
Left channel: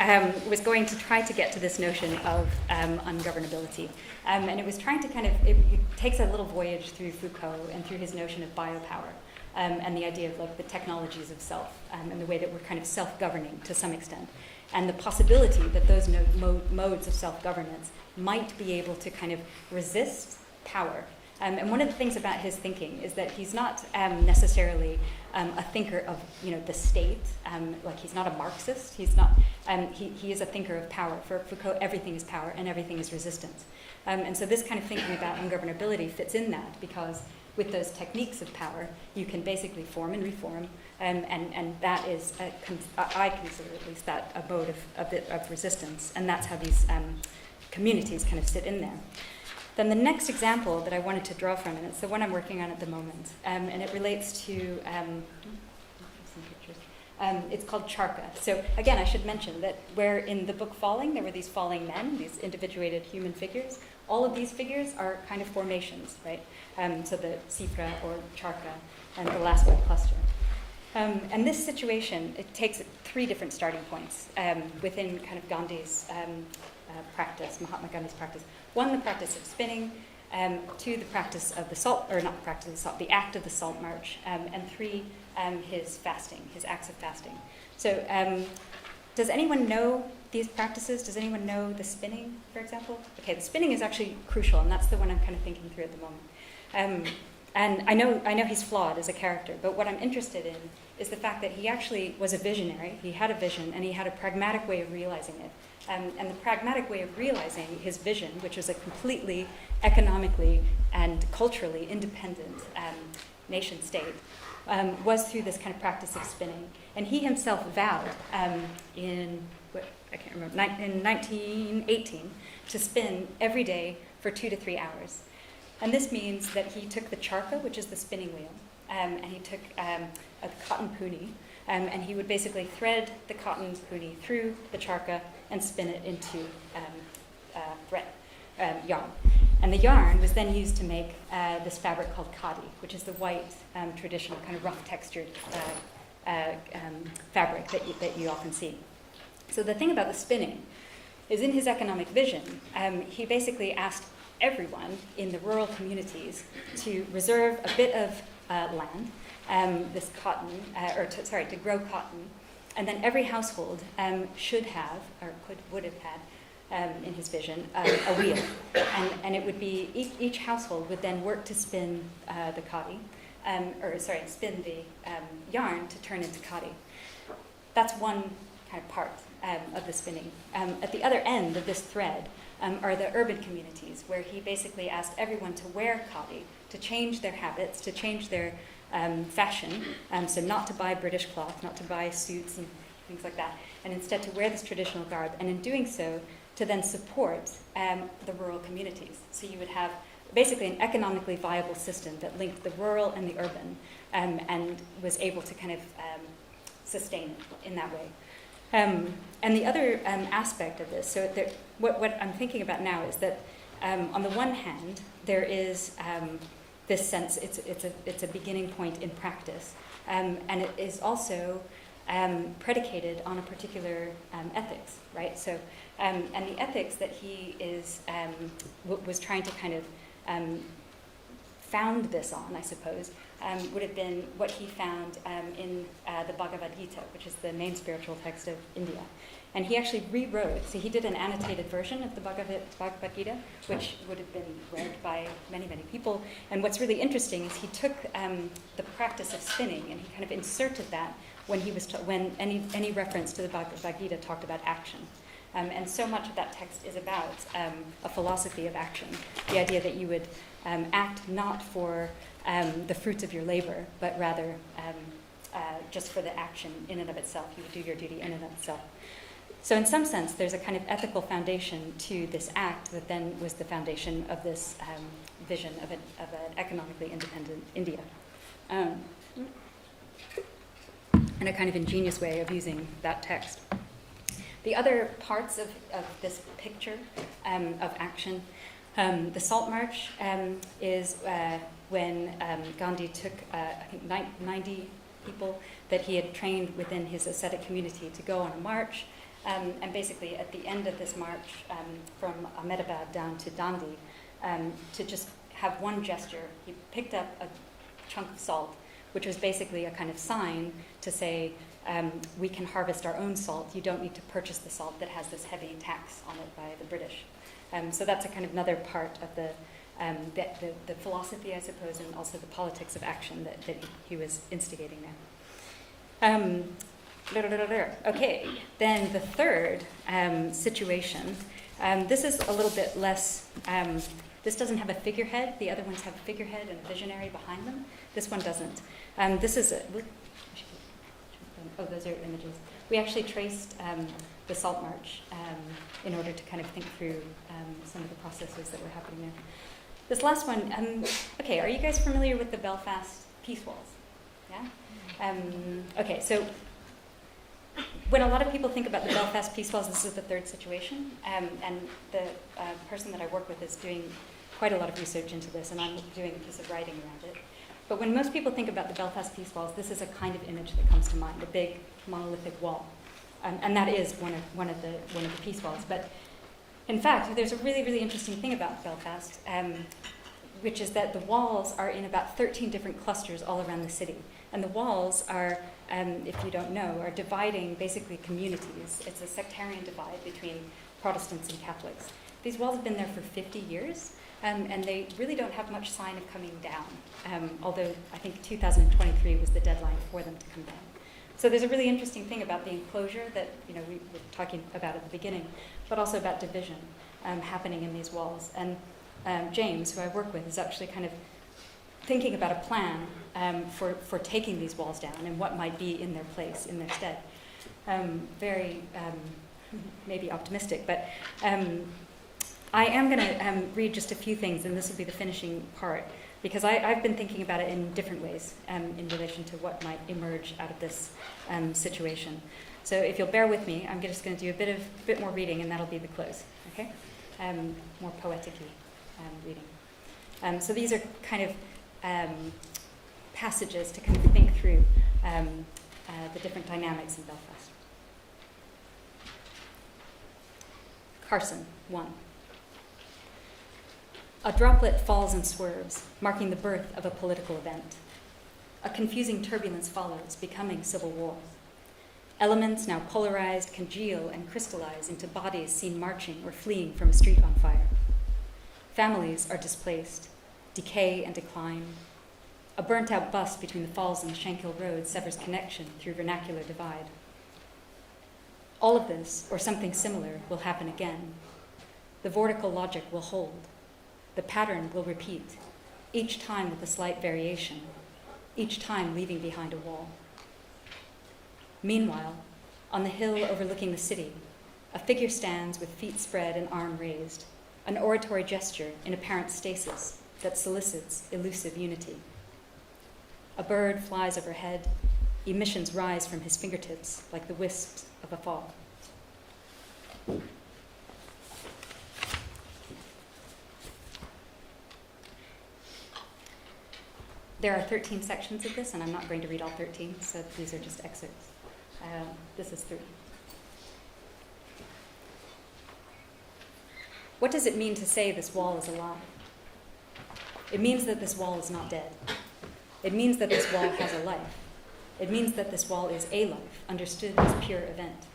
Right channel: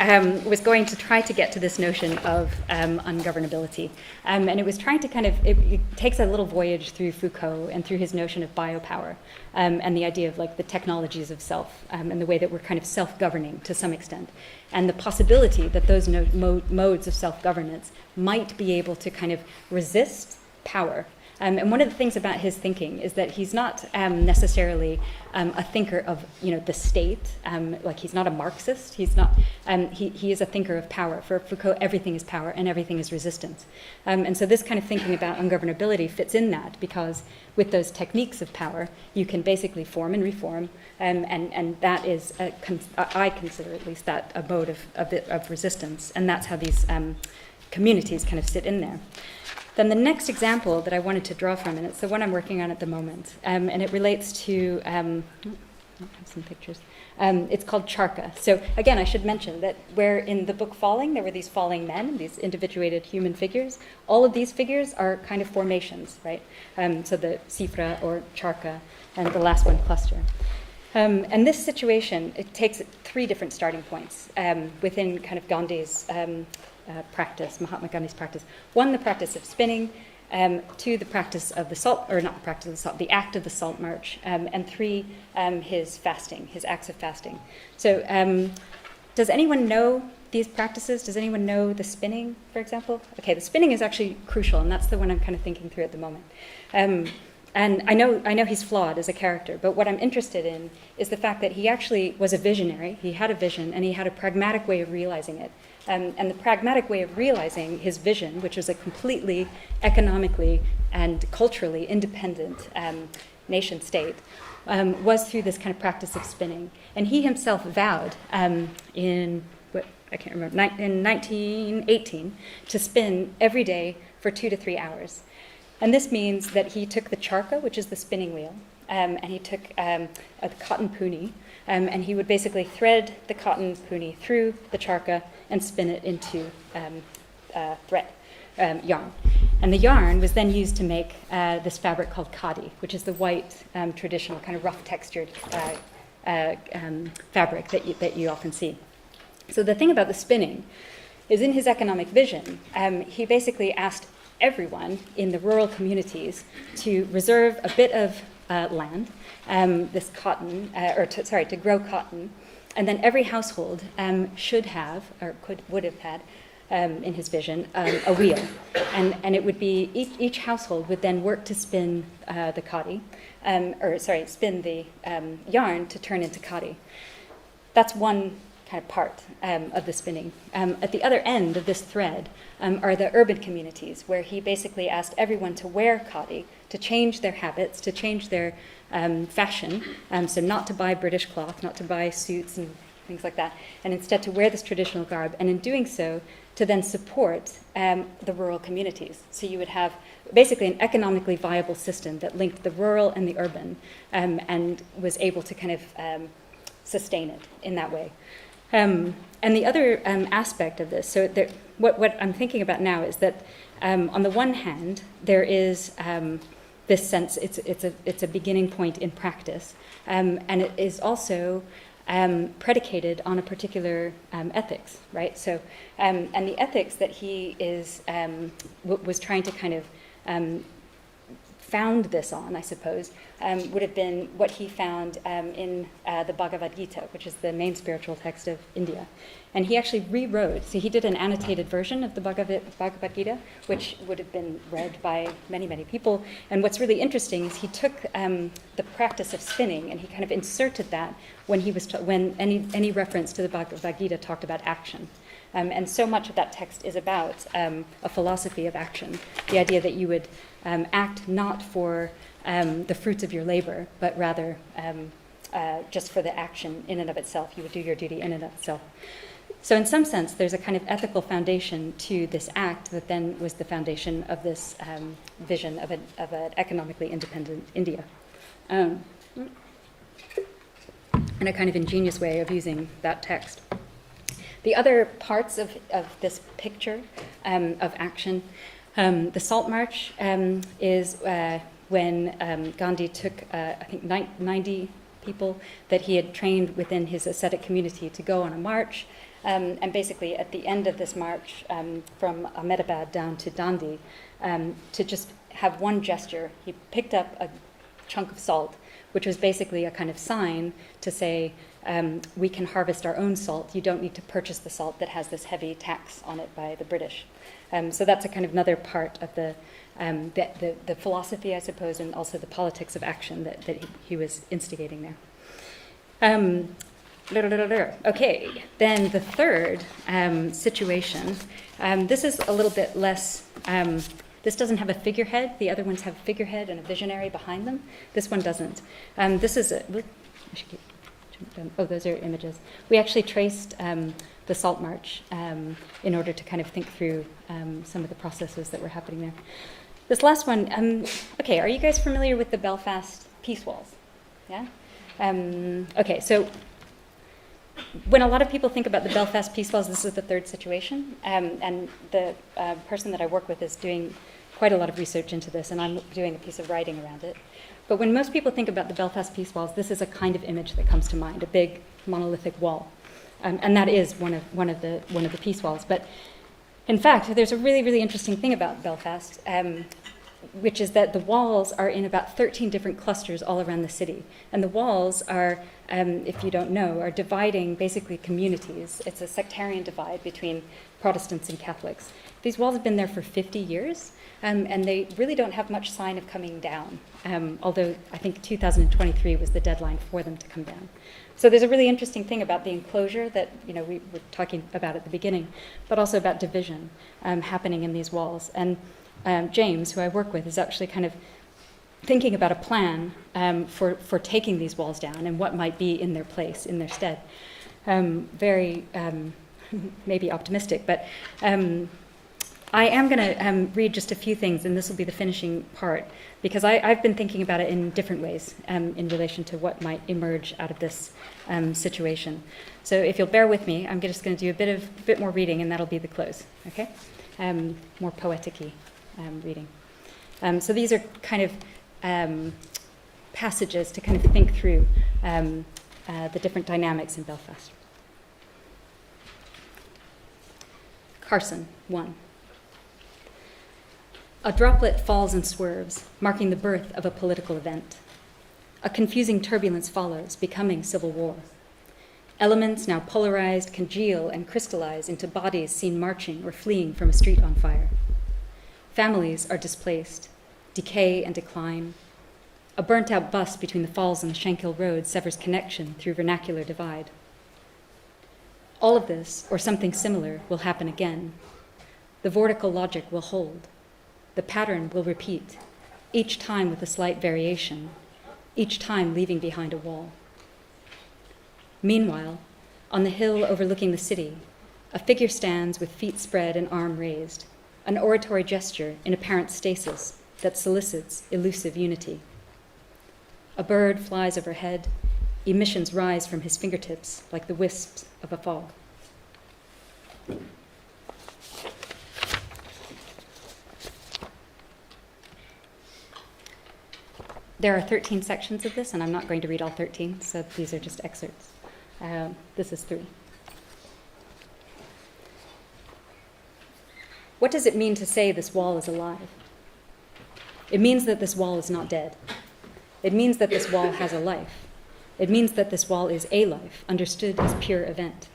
was going to try to get to this notion of ungovernability. And it was trying to it takes a little voyage through Foucault and through his notion of biopower and the idea of the technologies of self and the way that we're kind of self-governing to some extent. And the possibility that those modes of self-governance might be able to kind of resist power. And one of the things about his thinking is that he's not necessarily a thinker of the state. He's not a Marxist. He's not. He is a thinker of power. For Foucault, everything is power and everything is resistance. And so this kind of thinking about ungovernability fits in that, because with those techniques of power, you can basically form and reform, and that is, I consider at least that a mode of resistance, and that's how these communities kind of sit in there. Then the next example that I wanted to draw from, and it's the one I'm working on at the moment, and it relates to, I have some pictures. It's called Charkha. So again, I should mention that where in the book Falling, there were these falling men, these individuated human figures. All of these figures are kind of formations, right? So the Sifra or Charkha, and the last one, cluster. And this situation, it takes 3 different starting points within kind of Gandhi's practice, Mahatma Gandhi's practice. 1, the practice of spinning. 2, the practice of the salt, or not the practice of the salt, the act of the Salt Marsh. And 3, his fasting, his acts of fasting. So does anyone know these practices? Does anyone know the spinning, for example? Okay, the spinning is actually crucial, and that's the one I'm kind of thinking through at the moment. And I know he's flawed as a character, but what I'm interested in is the fact that he actually was a visionary. He had a vision, and he had a pragmatic way of realizing it. And the pragmatic way of realizing his vision, which was a completely economically and culturally independent nation state, was through this kind of practice of spinning. And he himself vowed in 1918 to spin every day for 2 to 3 hours. And this means that he took the charkha, which is the spinning wheel, and he took a cotton puni, and he would basically thread the cotton puni through the charkha and spin it into thread, yarn. And the yarn was then used to make this fabric called khadi, which is the white, traditional, kind of rough textured fabric that you often see. So the thing about the spinning is in his economic vision, he basically asked everyone in the rural communities to reserve a bit of land, this cotton, to grow cotton, and then every household should have, or would have had, in his vision, a wheel. And it would be, each household would then work to spin the khadi, spin the yarn to turn into khadi. That's one kind of part of the spinning. At the other end of this thread are the urban communities, where he basically asked everyone to wear khadi, to change their habits, to change their fashion, so not to buy British cloth, not to buy suits and things like that, and instead to wear this traditional garb, and in doing so, to then support the rural communities. So you would have basically an economically viable system that linked the rural and the urban, and was able to kind of sustain it in that way. And the other aspect of this, so what I'm thinking about now is that on the one hand, there is this sense, it's a beginning point in practice, and it is also predicated on a particular ethics, right? So, and the ethics that he was trying to kind of found this on, I suppose, would have been what he found in the Bhagavad Gita, which is the main spiritual text of India. And he actually rewrote, so he did an annotated version of the Bhagavad Gita, which would have been read by many, many people. And what's really interesting is he took the practice of spinning and he kind of inserted that when he was when any reference to the Bhagavad Gita talked about action. And so much of that text is about a philosophy of action, the idea that you would act not for the fruits of your labor, but rather just for the action in and of itself. You would do your duty in and of itself. So in some sense, there's a kind of ethical foundation to this act that then was the foundation of this vision of an economically independent India. And a kind of ingenious way of using that text. The other parts of this picture of action, the Salt Marsh is when Gandhi took, I think, 90 people that he had trained within his ascetic community to go on a march. And basically, at the end of this march, from Ahmedabad down to Dandi, to just have one gesture, he picked up a chunk of salt, which was basically a kind of sign to say, we can harvest our own salt. You don't need to purchase the salt that has this heavy tax on it by the British. So that's a kind of another part of the philosophy, I suppose, and also the politics of action that he was instigating there. Okay, then the third situation. This is a little bit less. This doesn't have a figurehead. The other ones have a figurehead and a visionary behind them. This one doesn't. This is a. Oh, those are images. We actually traced the Salt Marsh in order to kind of think through some of the processes that were happening there. This last one. Okay, are you guys familiar with the Belfast peace walls? Yeah. Okay, so. When a lot of people think about the Belfast peace walls, this is the third situation, and the person that I work with is doing quite a lot of research into this, and I'm doing a piece of writing around it. But when most people think about the Belfast peace walls, this is a kind of image that comes to mind: a big monolithic wall, and that is one of the peace walls. But in fact, there's a really, really interesting thing about Belfast, which is that the walls are in about 13 different clusters all around the city, and the walls are. If you don't know, are dividing basically communities. It's a sectarian divide between Protestants and Catholics. These walls have been there for 50 years, and they really don't have much sign of coming down, although I think 2023 was the deadline for them to come down. So there's a really interesting thing about the enclosure that we were talking about at the beginning, but also about division happening in these walls. And James, who I work with, is actually kind of thinking about a plan for taking these walls down and what might be in their place, in their stead. Very maybe optimistic, but I am going to read just a few things, and this will be the finishing part, because I've been thinking about it in different ways in relation to what might emerge out of this situation. So if you'll bear with me, I'm just going to do a bit more reading, and that'll be the close, okay? More poetic-y reading. So these are kind of passages to kind of think through the different dynamics in Belfast. Carson, 1. A droplet falls and swerves, marking the birth of a political event. A confusing turbulence follows, becoming civil war. Elements now polarized congeal and crystallize into bodies seen marching or fleeing from a street on fire. Families are displaced, decay and decline. A burnt-out bus between the falls and the Shankill Road severs connection through vernacular divide. All of this, or something similar, will happen again. The vortical logic will hold. The pattern will repeat, each time with a slight variation, each time leaving behind a wall. Meanwhile, on the hill overlooking the city, a figure stands with feet spread and arm raised, an oratory gesture in apparent stasis that solicits elusive unity. A bird flies overhead, emissions rise from his fingertips like the wisps of a fall. There are 13 sections of this, and I'm not going to read all 13, so these are just excerpts. This is 3. What does it mean to say this wall is alive? It means that this wall is not dead. It means that this wall has a life. It means that this wall is a life, understood as pure event.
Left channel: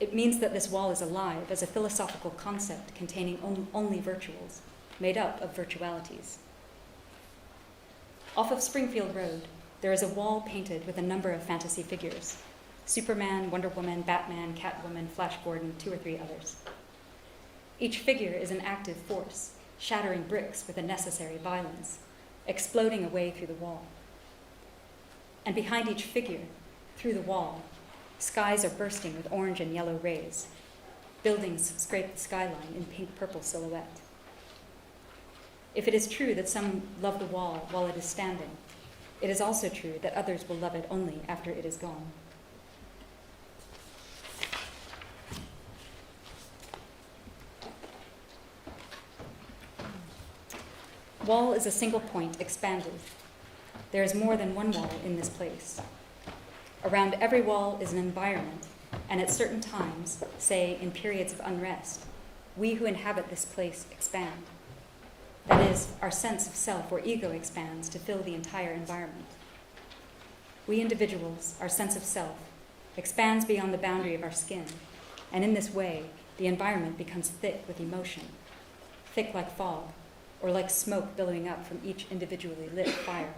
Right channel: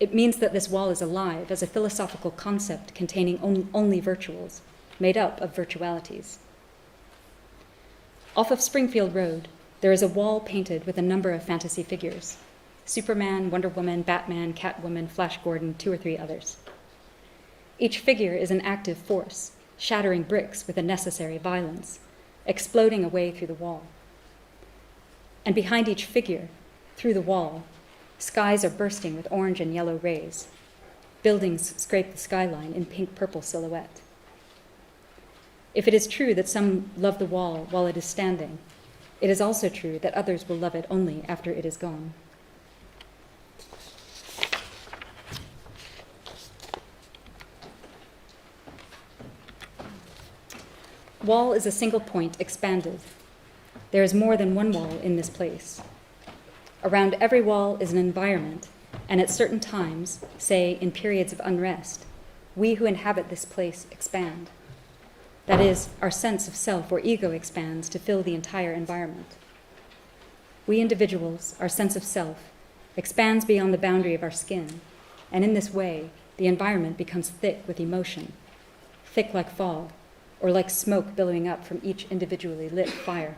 It means that this wall is alive as a philosophical concept containing only virtuals, made up of virtualities. Off of Springfield Road, there is a wall painted with a number of fantasy figures: Superman, Wonder Woman, Batman, Catwoman, Flash Gordon, 2 or 3 others. Each figure is an active force, shattering bricks with a necessary violence, exploding away through the wall. And behind each figure, through the wall, skies are bursting with orange and yellow rays. Buildings scrape the skyline in pink-purple silhouette. If it is true that some love the wall while it is standing, it is also true that others will love it only after it is gone. Wall is a single point expanded. There is more than one wall in this place. Around every wall is an environment, and at certain times, say in periods of unrest, we who inhabit this place expand. That is, our sense of self or ego expands to fill the entire environment. We individuals, our sense of self, expands beyond the boundary of our skin, and in this way, the environment becomes thick with emotion, thick like fog, or like smoke billowing up from each individually lit fire.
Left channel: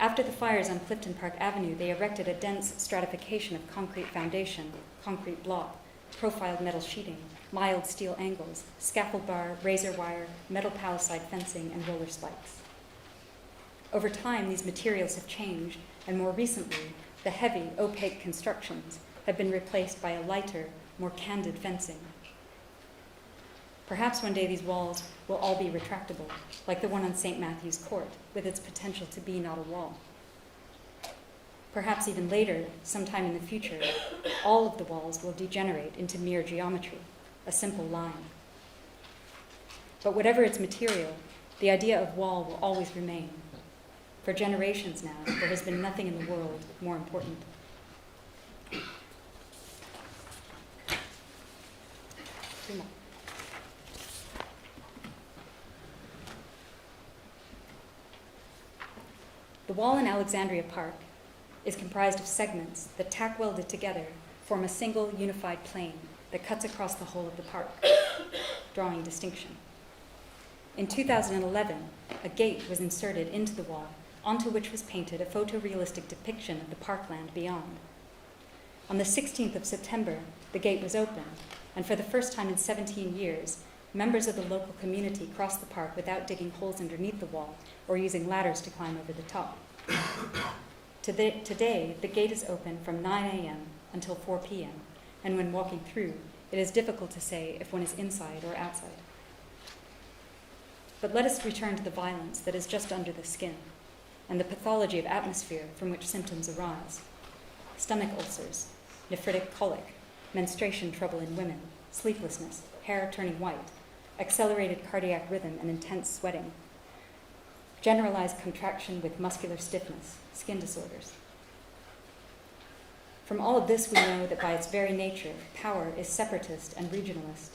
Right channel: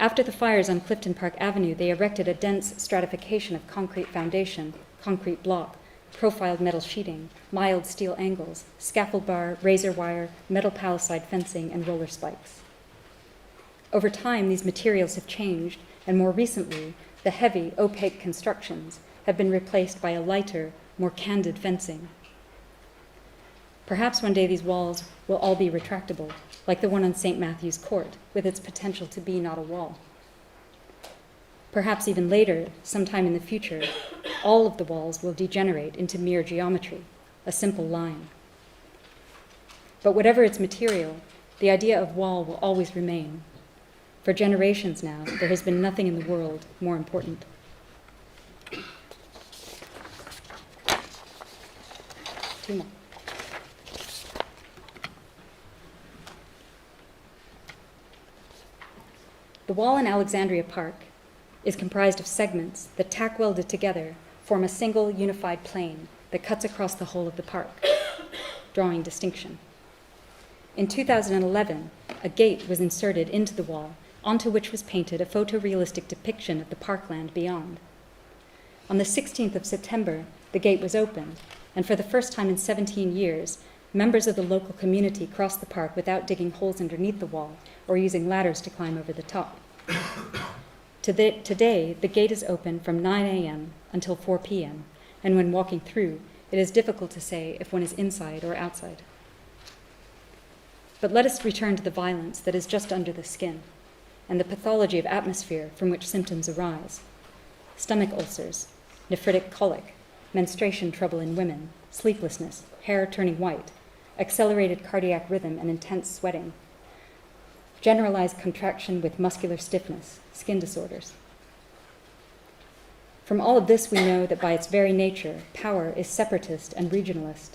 After the fires on Clifton Park Avenue, they erected a dense stratification of concrete foundation, concrete block, profiled metal sheeting, mild steel angles, scaffold bar, razor wire, metal palisade fencing, and roller spikes. Over time, these materials have changed, and more recently, the heavy, opaque constructions have been replaced by a lighter, more candid fencing. Perhaps one day these walls will all be retractable, like the one on St. Matthew's Court, with its potential to be not a wall. Perhaps even later, sometime in the future, all of the walls will degenerate into mere geometry, a simple line. But whatever its material, the idea of wall will always remain. For generations now, there has been nothing in the world more important. Two more. The wall in Alexandria Park is comprised of segments that, tack welded together, form a single unified plane that cuts across the whole of the park, drawing distinction. In 2011, a gate was inserted into the wall, onto which was painted a photorealistic depiction of the parkland beyond. On the 16th of September, the gate was open, and for the first time in 17 years, members of the local community crossed the park without digging holes underneath the wall or using ladders to climb over the top. Today, the gate is open from 9 a.m. until 4 p.m., and when walking through, it is difficult to say if one is inside or outside. But let us return to the violence that is just under the skin, and the pathology of atmosphere from which symptoms arise: stomach ulcers, nephritic colic, menstruation trouble in women, sleeplessness, hair turning white, accelerated cardiac rhythm and intense sweating, generalized contraction with muscular stiffness, skin disorders. From all of this, we know that by its very nature, power is separatist and regionalist,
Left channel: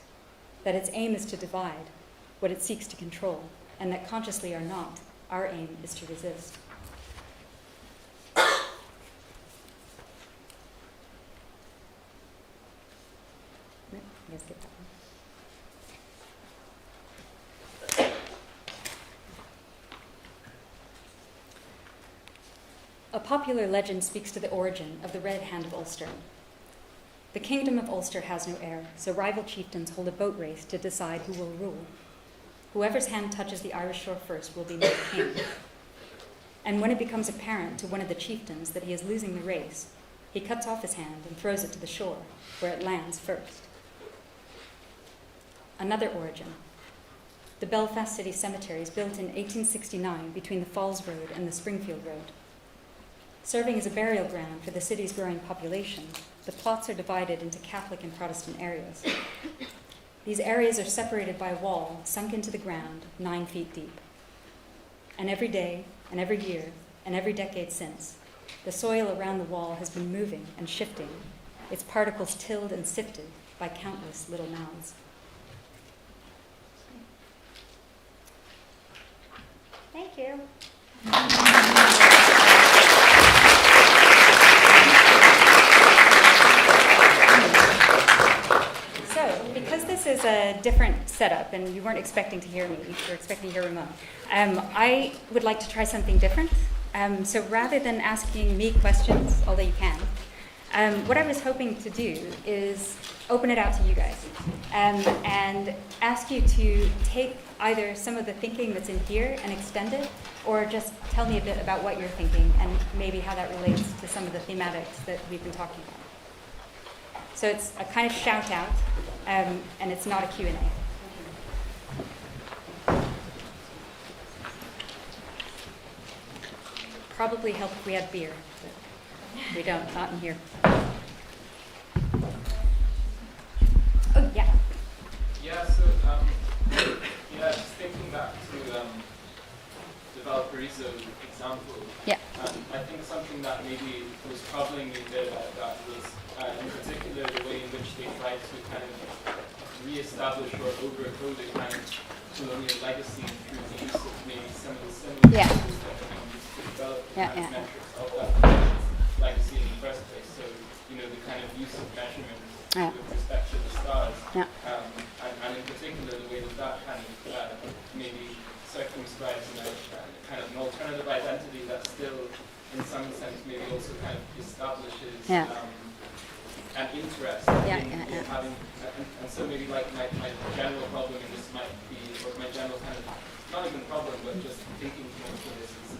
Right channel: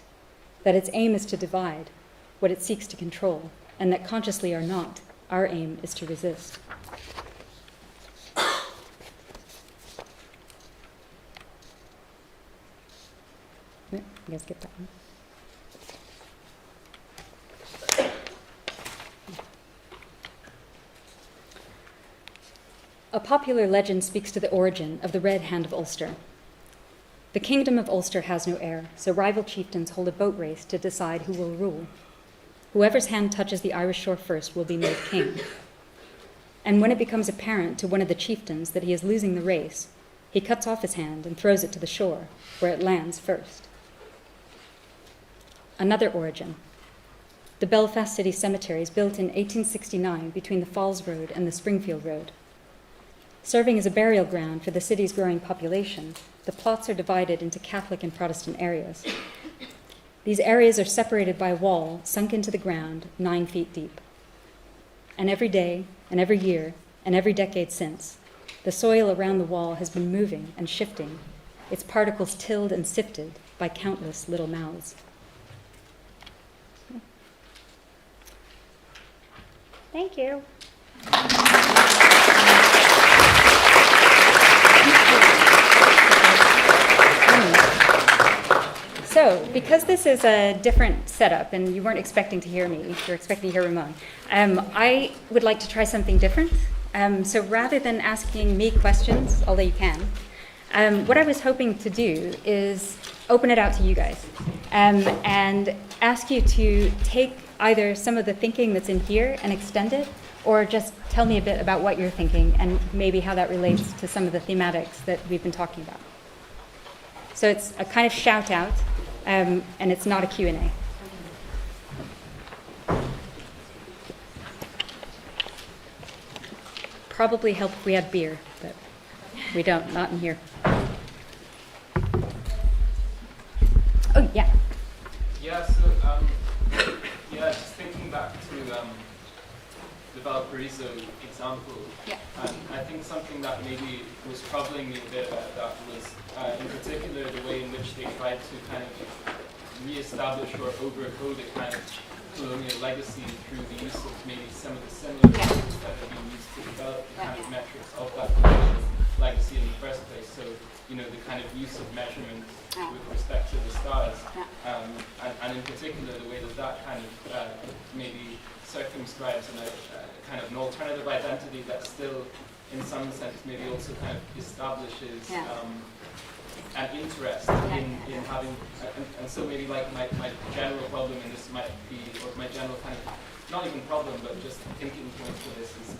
that its aim is to divide what it seeks to control, and that consciously or not, our aim is to resist. You guys get that one? A popular legend speaks to the origin of the Red Hand of Ulster. The kingdom of Ulster has no heir, so rival chieftains hold a boat race to decide who will rule. Whoever's hand touches the Irish shore first will be made king. And when it becomes apparent to one of the chieftains that he is losing the race, he cuts off his hand and throws it to the shore, where it lands first. Another origin. The Belfast City Cemetery is built in 1869 between the Falls Road and the Springfield Road. Serving as a burial ground for the city's growing population, the plots are divided into Catholic and Protestant areas. These areas are separated by a wall sunk into the ground 9 feet deep. And every day, and every year, and every decade since, the soil around the wall has been moving and shifting, its particles tilled and sifted by countless little mouths. Thank you. So, because this is a different setup, and you weren't expecting to hear me, you're expecting to hear Ramon, I would like to try something different. So rather than asking me questions, although you can, what I was hoping to do is open it out to you guys and ask you to take either some of the thinking that's in here and extend it, or just tell me a bit about what you're thinking and maybe how that relates to some of the thematics that we've been talking about. So it's a kind of shout out, and it's not a Q&A. Probably help if we had beer, but we don't, not in here. Oh, yeah. Yeah, so, just thinking back to the Valparaiso example, I think something that maybe was troubling me a bit about that was, in particular, the way in which they tried to kind of re-establish or overcode a kind of colonial legacy through the use of maybe some of the similar tools that have been used to develop the kind of metrics of that legacy in the first place. So, you know, the kind of use of measurement with respect to the stars, and in particular the way that that kind of maybe circumscribes a kind of an alternative identity that still, in some sense, maybe also kind of establishes an interest in having, and so maybe like my general problem in this might be, or my general kind of, not even problem, but just thinking point for this is,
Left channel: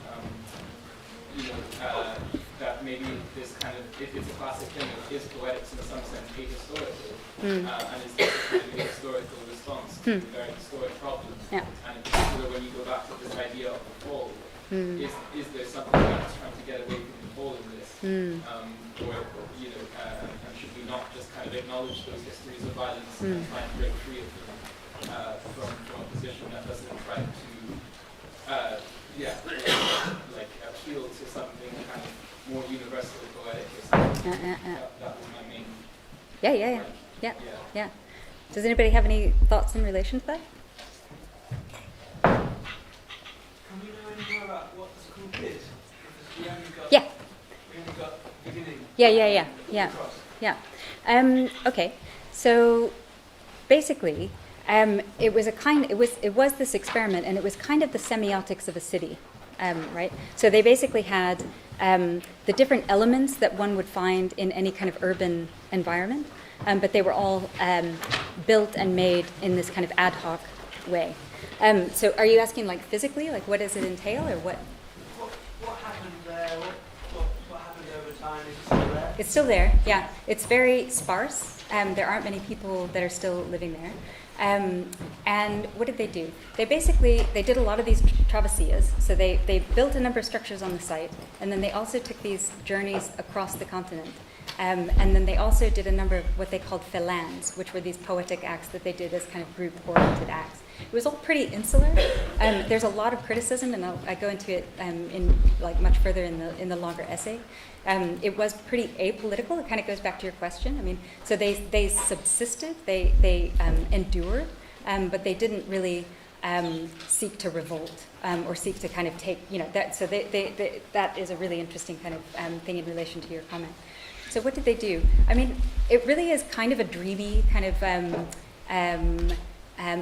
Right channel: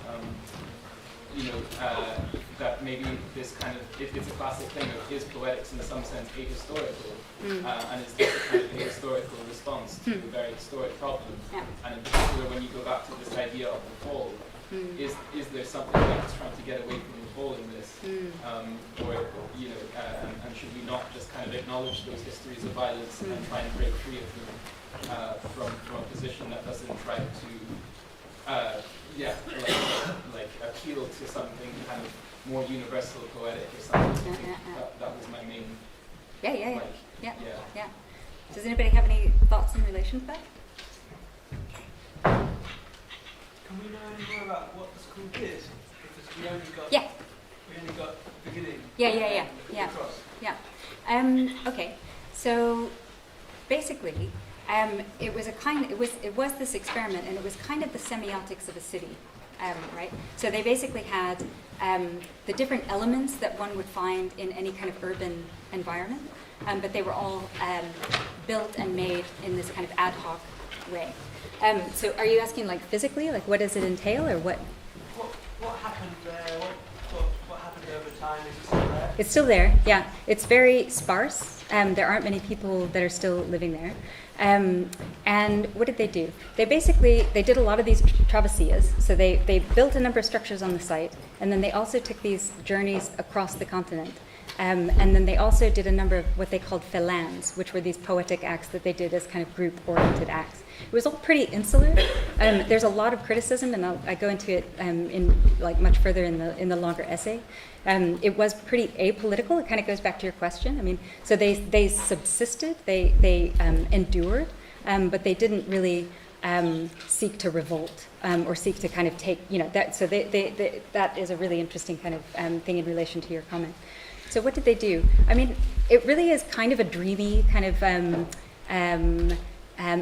that maybe this kind of, it's a classic thing of, is poetics in some sense ahistorical, and is this a kind of ahistorical response to a very historic problem? And in particular, when you go back to this idea of the fall, is there something that's trying to get away from the fall in this? Or, and should we not just kind of acknowledge those histories of violence and try and break free of them from a position that doesn't try to like appeal to something kind of more universal poetic or something. That was my main Yeah. Does anybody have any thoughts in relation to that? Can we know any more about what the school did? Because we only got beginning. Okay. So basically, it was this experiment, and it was kind of the semiotics of a city, right? So they basically had the different elements that one would find in any kind of urban environment, but they were all built and made in this kind of ad hoc way. So are you asking like physically, like what does it entail, or what? What happened there? What happened over time? Is it still there? It's still there, yeah. It's very sparse. There aren't many people that are still living there. And what did they do? They did a lot of these travessias. So they built a number of structures on the site, and then they also took these journeys across the continent. And then they also did a number of what they called phalanges, which were these poetic acts that they did as kind of group-oriented acts. It was all pretty insular. There's a lot of criticism, and I go into it in like much further in the longer essay. It was pretty apolitical. It kind of goes back to your question. I mean, so they subsisted, they endured, but they didn't really seek to revolt or seek to kind of take, that. So that is a really interesting kind of thing in relation to your comment. So what did they do? I mean, it really is kind of a dreamy kind of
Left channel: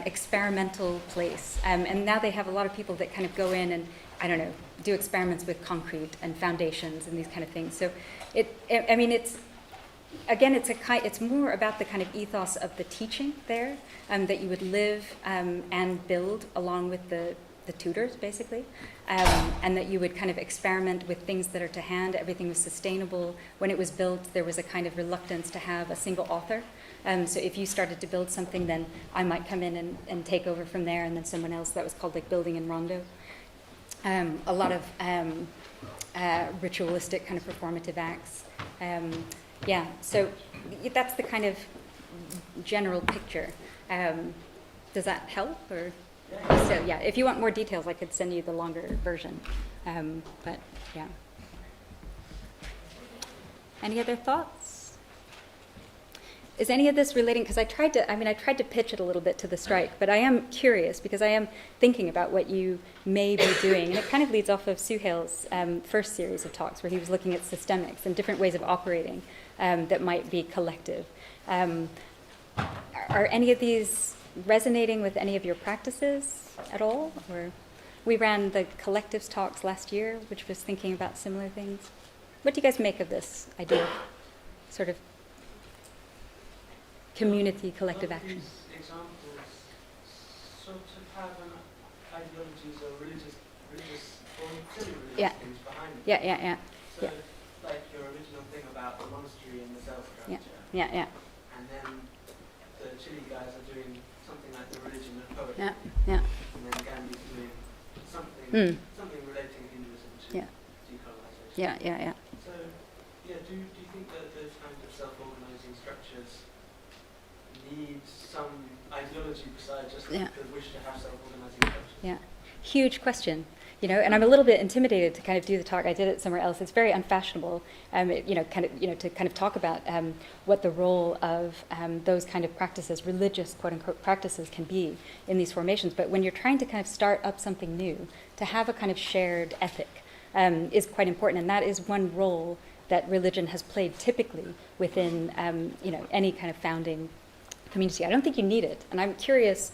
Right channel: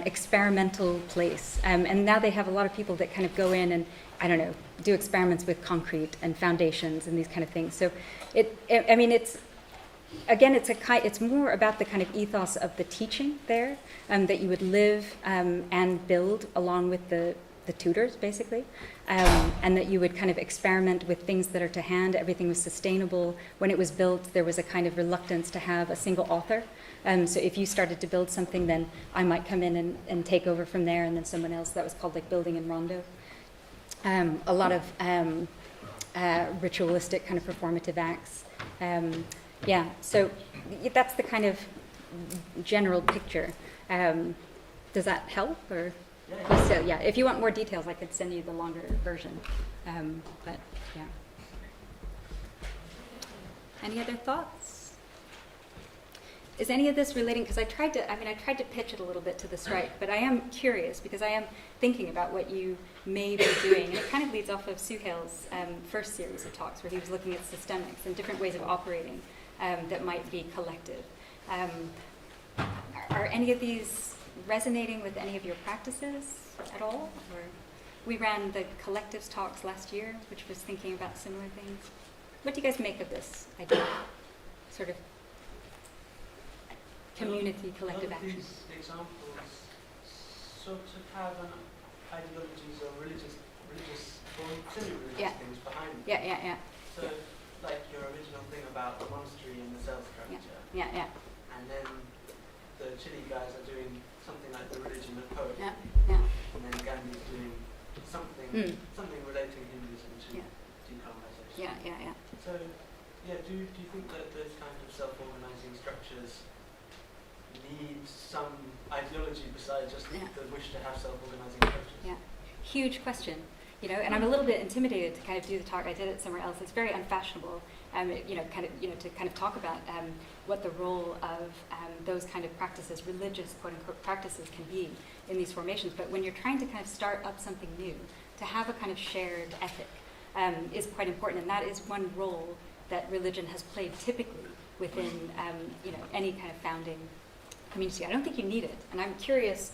experimental place. And now they have a lot of people that kind of go in and, I don't know, do experiments with concrete and foundations and these kind of things. So it's more about the kind of ethos of the teaching there, that you would live and build along with the tutors, basically, and that you would kind of experiment with things that are to hand. Everything was sustainable. When it was built, there was a kind of reluctance to have a single author. So if you started to build something, then I might come in and take over from there, and then someone else. That was called like building in rondo. A lot of ritualistic kind of performative acts. So that's the kind of general picture. Does that help? Or so, yeah, if you want more details, I could send you the longer version. But yeah. Any other thoughts? Is any of this relating? Because I tried to pitch it a little bit to the strike, but I am curious because I am thinking about what you may be doing, and it kind of leads off of Suhail's first series of talks, where he was looking at systemics and different ways of operating that might be collective. Are any of these resonating with any of your practices at all? Or we ran the collectives talks last year, which was thinking about similar things. What do you guys make of this idea? Sort of community collective action. These examples sort of have an ideologies or religious or semi-religious things behind them. Yeah. So, like your original thing about the monastery and the cell structure. Yeah. And then the Chile guys are doing something like the religion of poetry. Yeah. And then Gandhi's doing something relating Hinduism to decolonization. Yeah. So, do you think that those kind of self-organizing structures need some ideology besides just the wish to have self-organizing structures? Yeah, huge question. And I'm a little bit intimidated to kind of do the talk. I did it somewhere else. It's very unfashionable, to kind of talk about what the role of those kind of practices, religious quote unquote practices, can be in these formations. But when you're trying to kind of start up something new, to have a kind of shared ethic is quite important, and that is one role that religion has played typically within any kind of founding community. I don't think you need it, and I'm curious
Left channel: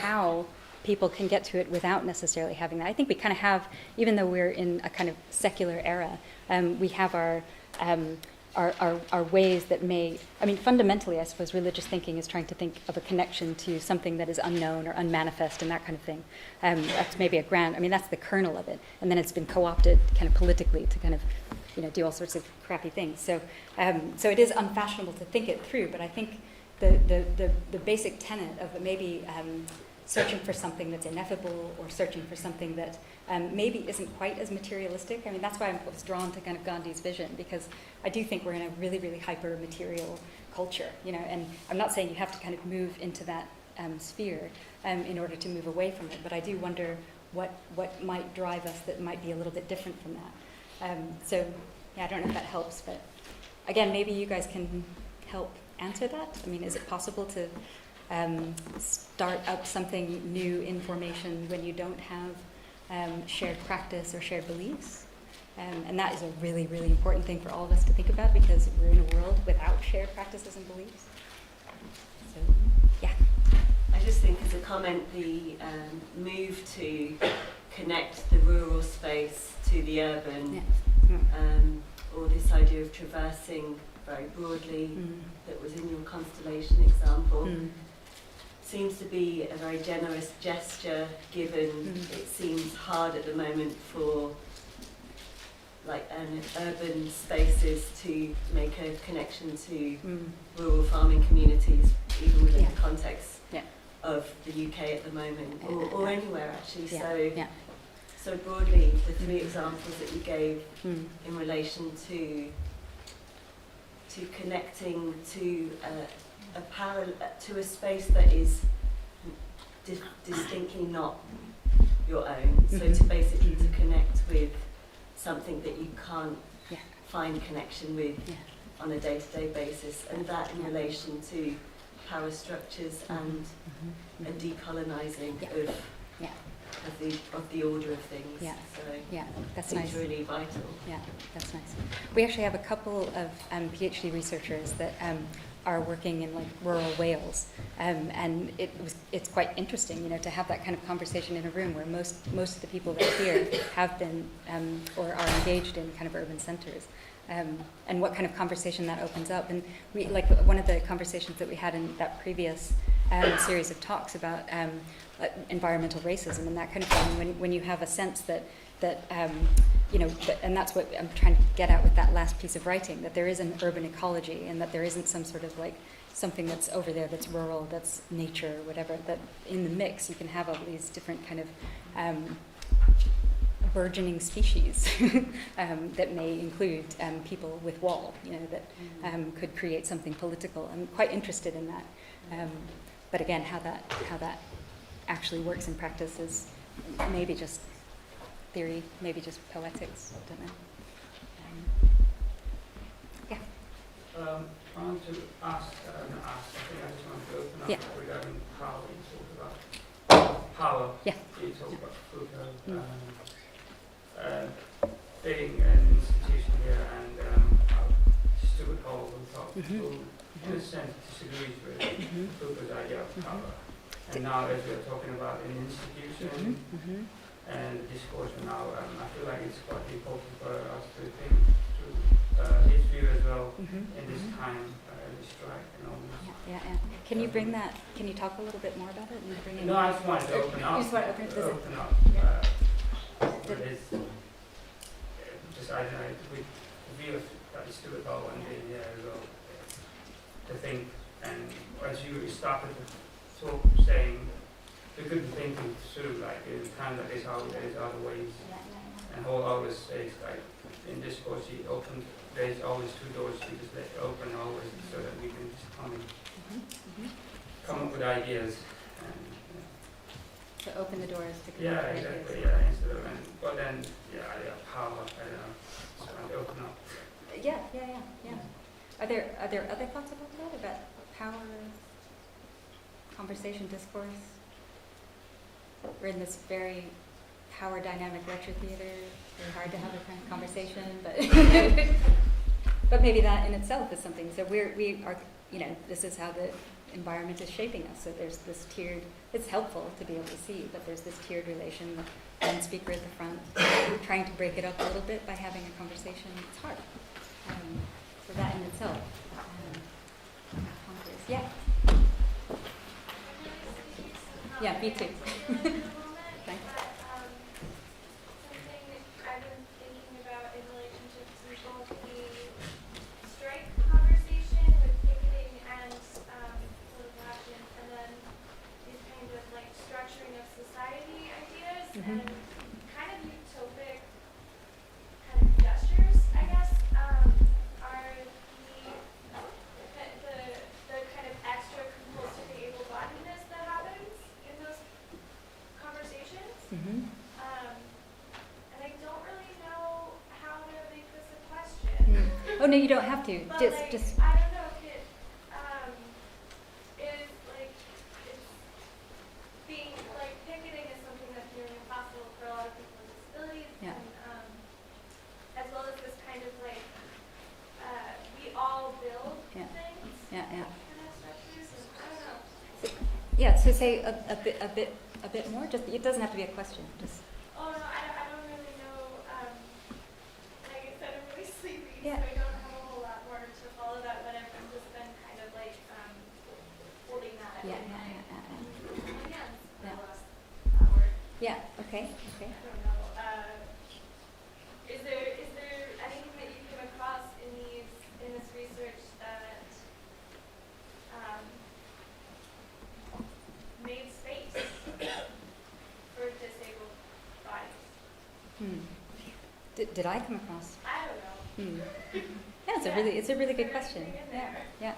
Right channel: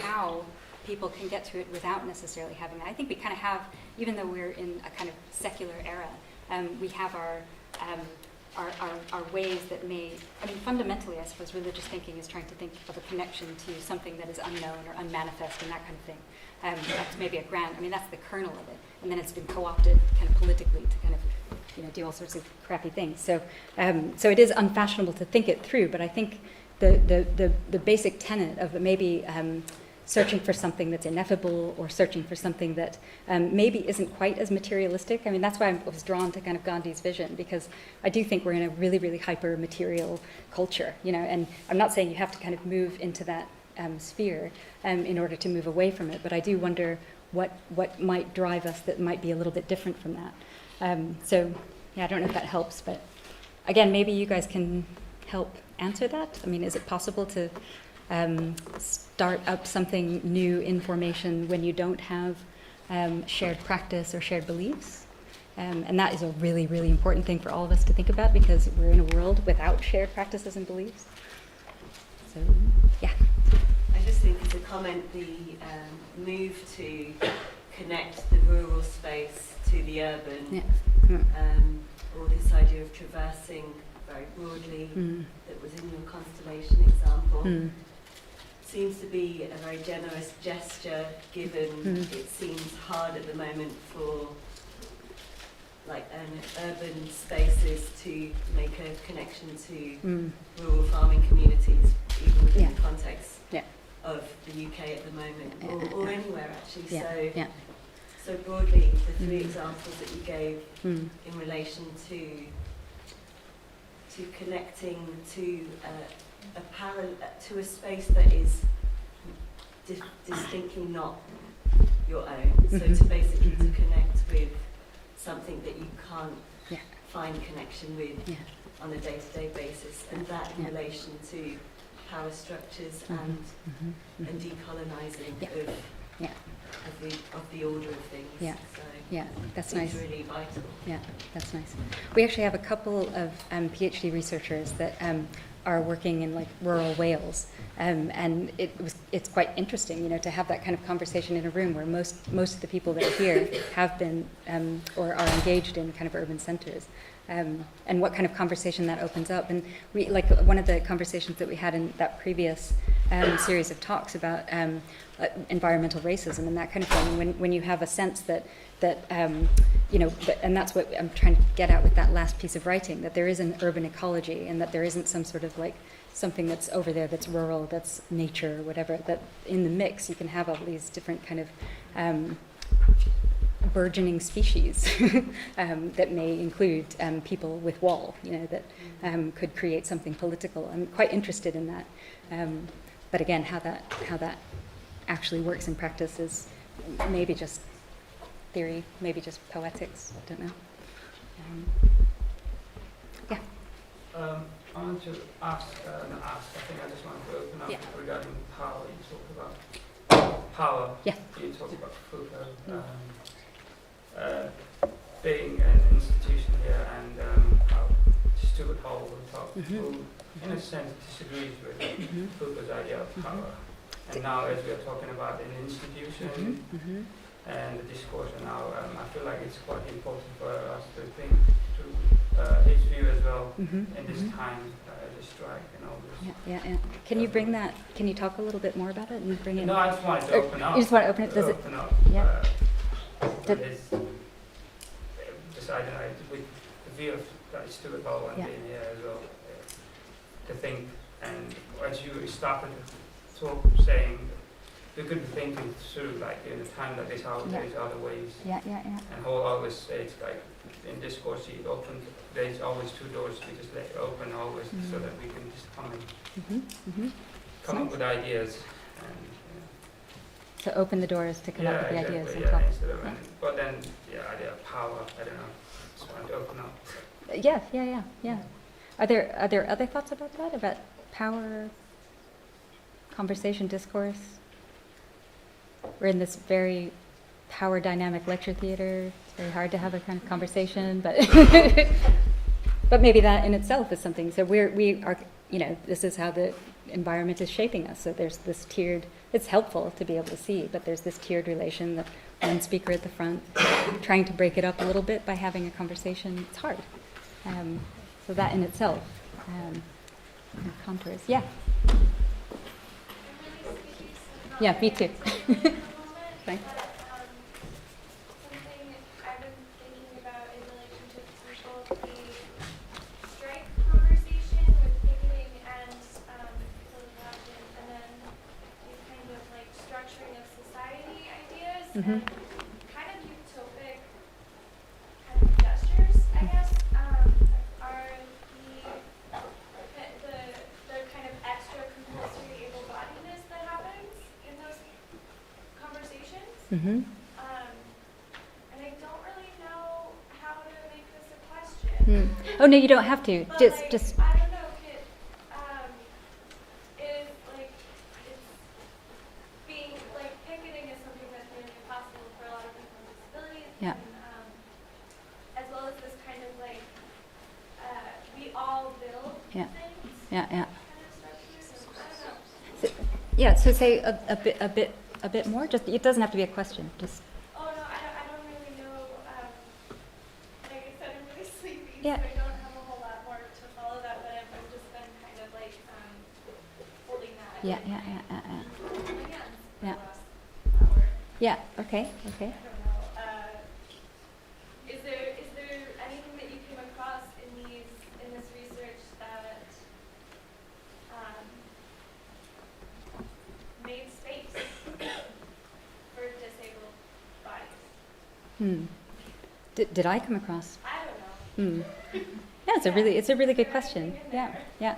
how people can get to it without necessarily having that. I think we kind of have, even though we're in a kind of secular era, we have our ways that may, fundamentally, I suppose, religious thinking is trying to think of a connection to something that is unknown or unmanifest and that kind of thing. That's maybe that's the kernel of it, and then it's been co-opted kind of politically to kind of, do all sorts of crappy things. So it is unfashionable to think it through, but I think the basic tenet of maybe searching for something that's ineffable or searching for something that maybe isn't quite as materialistic. That's why I was drawn to kind of Gandhi's vision, because I do think we're in a really, really hyper-material culture, and I'm not saying you have to kind of move into that sphere in order to move away from it, but I do wonder what might drive us that might be a little bit different from that. I don't know if that helps, but again, maybe you guys can help answer that. Is it possible to start up something new in formation when you don't have shared practice or shared beliefs? And that is a really, really important thing for all of us to think about, because we're in a world without shared practices and beliefs. So, yeah. I just think as a comment, the move to connect the rural space to the urban, or this idea of traversing very broadly, that was in your constellation example, seems to be a very generous gesture, given it seems hard at the moment for urban spaces to make a connection to rural farming communities, even within the context of the UK at the moment, or anywhere actually. So broadly, the three examples that you gave in relation to connecting to a space that is distinctly not your own. So to basically to connect with something that you can't find connection with on a day-to-day basis, and that in relation to power structures and decolonising of the order of things. Yeah. So that's it's nice. really vital. Yeah, that's nice. We actually have a couple of PhD researchers that are working in like rural Wales, and it's quite interesting, to have that kind of conversation in a room where most of the people that are here have been or are engaged in kind of urban centres. And what kind of conversation that opens up. And we, like one of the conversations that we had in that previous series of talks about environmental racism and that kind of thing, and when you have a sense that and that's what I'm trying to get at with that last piece of writing, that there is an urban ecology and that there isn't some sort of like something that's over there that's rural, that's nature, whatever, that in the mix you can have all these different kind of burgeoning species that may include people with wall, that could create something political. I'm quite interested in that. But again, how that actually works in practice is maybe just theory, maybe just poetics, I don't know. I want to ask, I think I just want to open up regarding power. You talk about power. Yeah. You talk about Foucault. Being an institution here and how Stuart Hall and Top, who in a sense disagrees with Foucault's idea of power. And now as we're talking about an institution and the discourse now, I feel like it's quite important for us to think through his view as well in this time, the strike and all this. Yeah. Can you bring that, can you talk a little bit more about it? And bring it no, I just wanted to open up. You just want to open it? Does it? Open up. Yeah. I don't know, with the view of that Stuart Hall and being here as well, to think, and as you started to talk, saying we could be thinking through, like in a time like this, how there's other ways. And Hall always says, like in discourse, he opened, there's always two doors, we just let it open always, so that we can just come up with ideas. And, to open the doors to come up with the ideas. Instead of, but then, idea of power, I don't know, just want to open up. Yeah. Are there other thoughts about that? About power, conversation, discourse? We're in this very power dynamic lecture theater. It's very hard to have a kind of conversation, but but maybe that in itself is something. So we are, this is how the environment is shaping us. So there's this tiered. It's helpful to be able to see, but there's this tiered relation. The one speaker at the front, trying to break it up a little bit by having a conversation. It's hard. So that in itself contours. Yeah. Yeah, me too. Thanks. Something I've been thinking about in relationship to both the strike conversation with picketing and political action, and then these kind of like structuring of society ideas and kind of utopic kind of gestures, I guess, are the kind of extra compulsory able-bodiedness that happens in those conversations. And I don't really know how to make this a question. Oh no, you don't have to. But Just. I don't know if it is like it's being like picketing is something that's nearly impossible for a lot of people with disabilities. Yeah. And, as well as this kind of like we all build things. Yeah. Kind of structures. I don't know. Yeah. So say a bit more. Just it doesn't have to be a question. Just. Oh no, I don't really know. Like I said, I'm really sleepy, Yeah. so I don't have a whole lot more to follow that. But I've just been kind of like holding that. Yeah. in my hands for Yeah. the last hour. Yeah. Okay. I don't know. Is there anything that you came across in this research that made space for disabled bodies? Did I come across? I don't know. Yeah, it's a really good question. Yeah.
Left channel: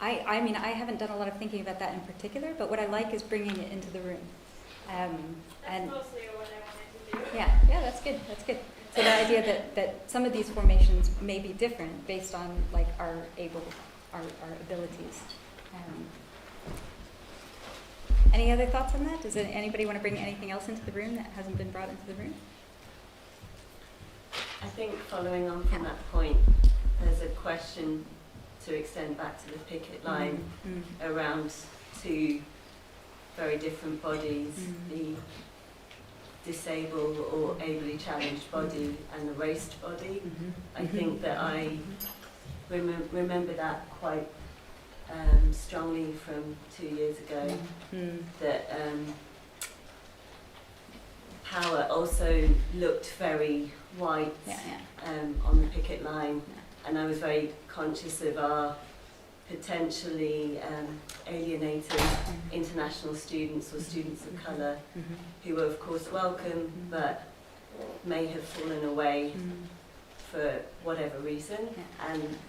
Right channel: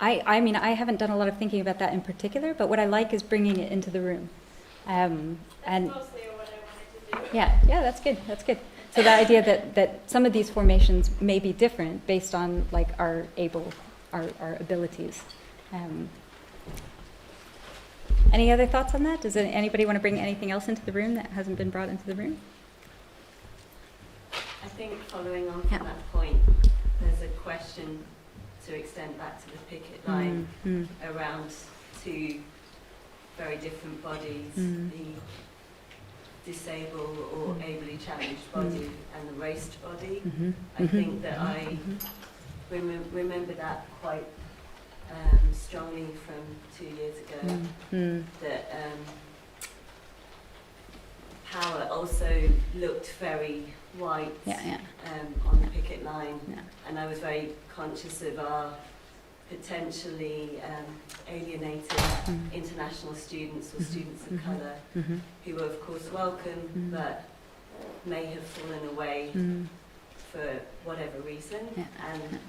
I mean, I haven't done a lot of thinking about that in particular, but what I like is bringing it into the room. That's mostly what I wanted to do. Yeah, that's good. So the idea that some of these formations may be different based on like our abilities. Any other thoughts on that? Does anybody want to bring anything else into the room that hasn't been brought into the room? I think following on from that point, there's a question to extend back to the picket line around two very different bodies, the disabled or ably challenged body and the raced body. I think that I remember that quite strongly from 2 years ago, that power also looked very white on the picket line, and I was very conscious of our potentially alienated international students or students of colour who were of course welcome but may have fallen away for whatever reason,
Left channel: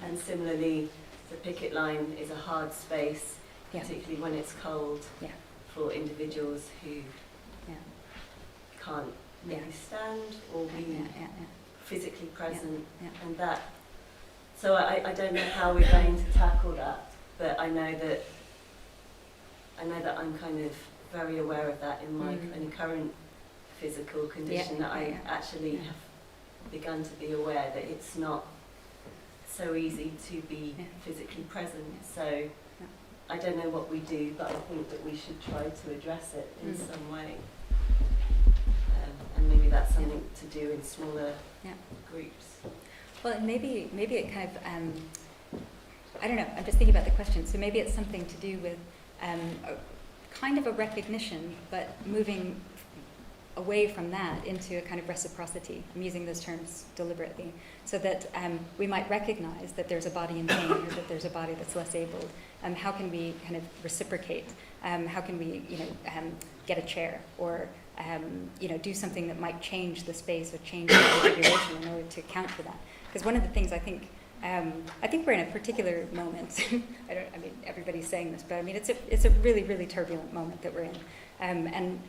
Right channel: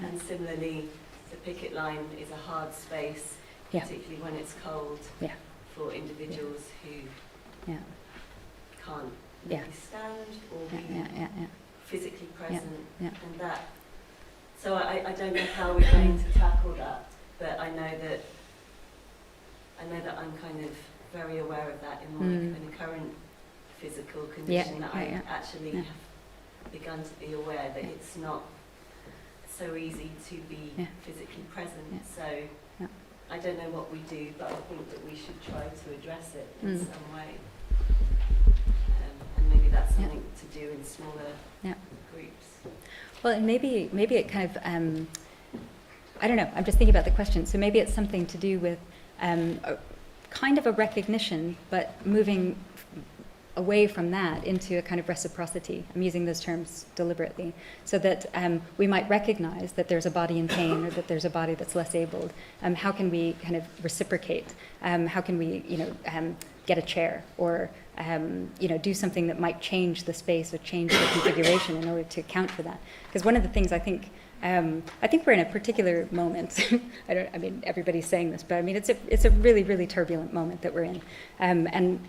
and similarly the picket line is a hard space, particularly when it's cold, for individuals who can't maybe stand or be physically present, and that. So I don't know how we're going to tackle that, but I know that I'm kind of very aware of that in my current physical condition, that I actually have begun to be aware that it's not so easy to be physically present. So I don't know what we do, but I think that we should try to address it in some way. And maybe that's something to do in smaller groups. Well, and maybe it kind of, I don't know, I'm just thinking about the question. So maybe it's something to do with kind of a recognition, but moving away from that into a kind of reciprocity. I'm using those terms deliberately, so that we might recognize that there's a body in pain or that there's a body that's less abled. How can we kind of reciprocate? How can we, get a chair or do something that might change the space or change the configuration in order to account for that? Because one of the things I think we're in a particular moment. I mean, everybody's saying this, but I mean, it's a really, really turbulent moment that we're in. And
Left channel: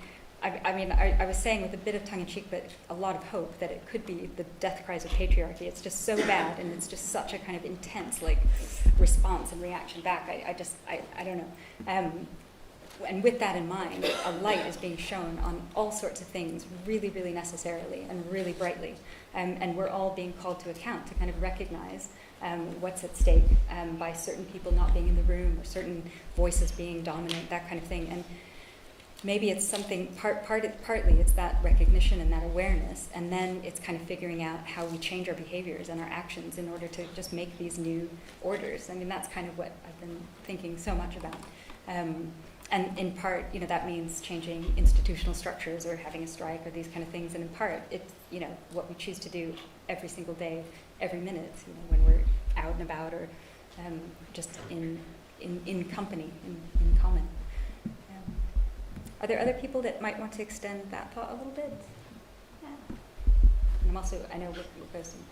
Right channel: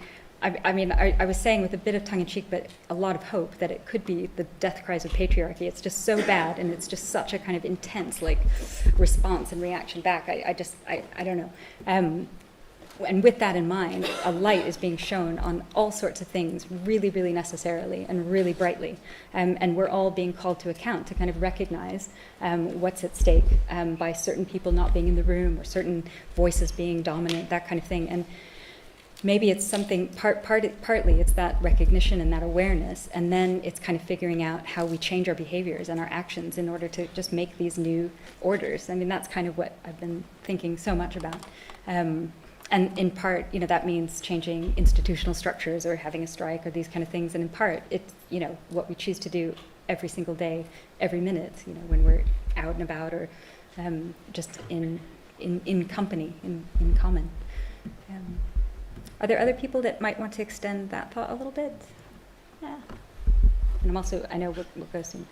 I was saying with a bit of tongue-in-cheek, but a lot of hope that it could be the death cries of patriarchy. It's just so bad, and it's just such a kind of intense, response and reaction back. I don't know. And with that in mind, a light is being shown on all sorts of things really, really necessarily and really brightly. And we're all being called to account to kind of recognize what's at stake by certain people not being in the room or certain voices being dominant, that kind of thing. And maybe it's something, partly it's that recognition and that awareness, and then it's kind of figuring out how we change our behaviors and our actions in order to just make these new orders. I mean, that's kind of what I've been thinking so much about. And in part, that means changing institutional structures or having a strike or these kind of things. And in part, it's, what we choose to do every single day, every minute, when we're out and about or just in company, in common. Are there other people that might want to extend that thought a little bit? Yeah. And I'm also, I know what goes in.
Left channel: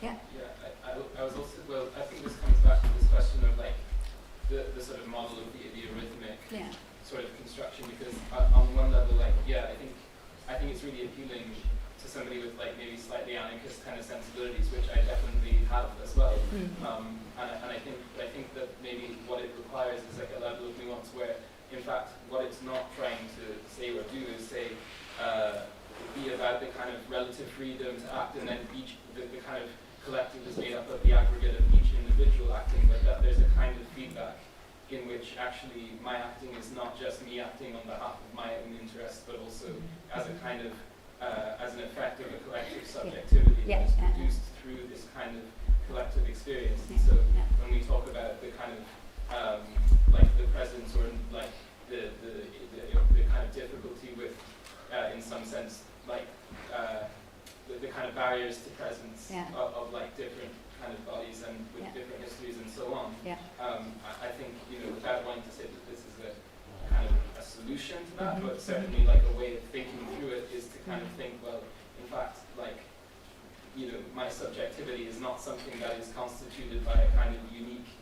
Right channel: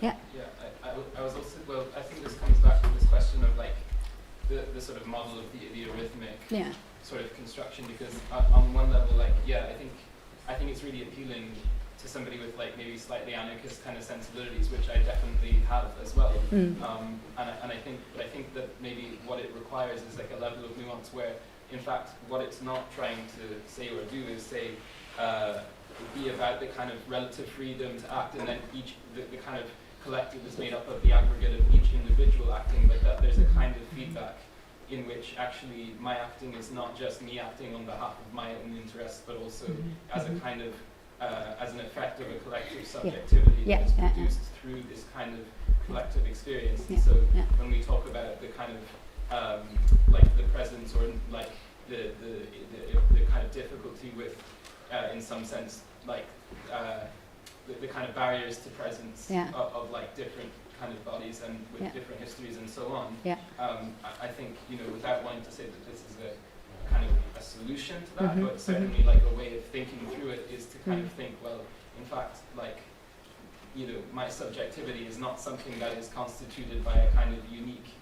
Yeah. Yeah, I was also, well, I think this comes back to this question of the sort of model of the arrhythmic sort of construction, because on one level, I think it's really appealing to somebody with maybe slightly anarchist kind of sensibilities, which I definitely have as well. And I think that maybe what it requires is a level of nuance where, in fact, what it's not trying to say or do is be about the kind of relative freedom to act, and then the kind of collective is made up of the aggregate of each individual acting, but that there's a kind of feedback in which actually my acting is not just me acting on behalf of my own interests, but also as a kind of as an effect of a collective subjectivity that is produced through this kind of collective experience. And so when we talk about the kind of the presence or the kind of difficulty with, in some sense, the kind of barriers to presence of different kind of bodies and with different histories and so on. I think, without wanting to say that this is a kind of a solution to that, but certainly a way of thinking through it is to kind of think, well, in fact, my subjectivity is not something that is constituted by a kind of unique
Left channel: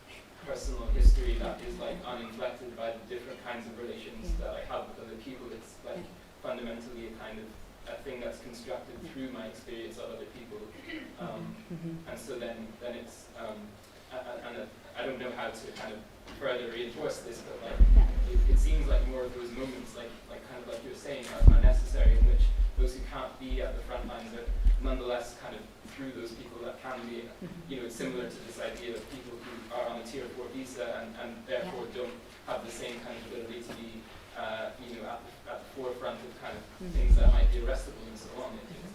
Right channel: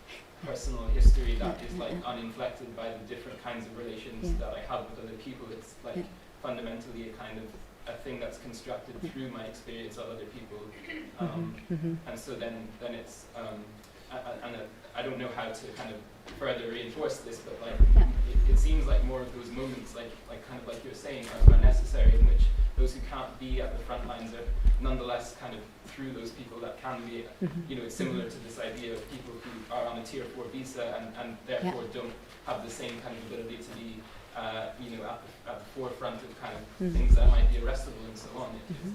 personal history that is like uninflected by the different kinds of relations that I have with other people. It's like fundamentally a kind of a thing that's constructed through my experience of other people, and so then it's I don't know how to kind of further reinforce this, but like it seems like more of those moments, like kind of like you're saying, are necessary, in which those who can't be at the front lines are nonetheless kind of through those people that can be. You know, it's similar to this idea of people who are on a tier 4 visa and therefore don't have the same kind of ability to be you know, at the forefront of kind of things that might be arrestable and so on.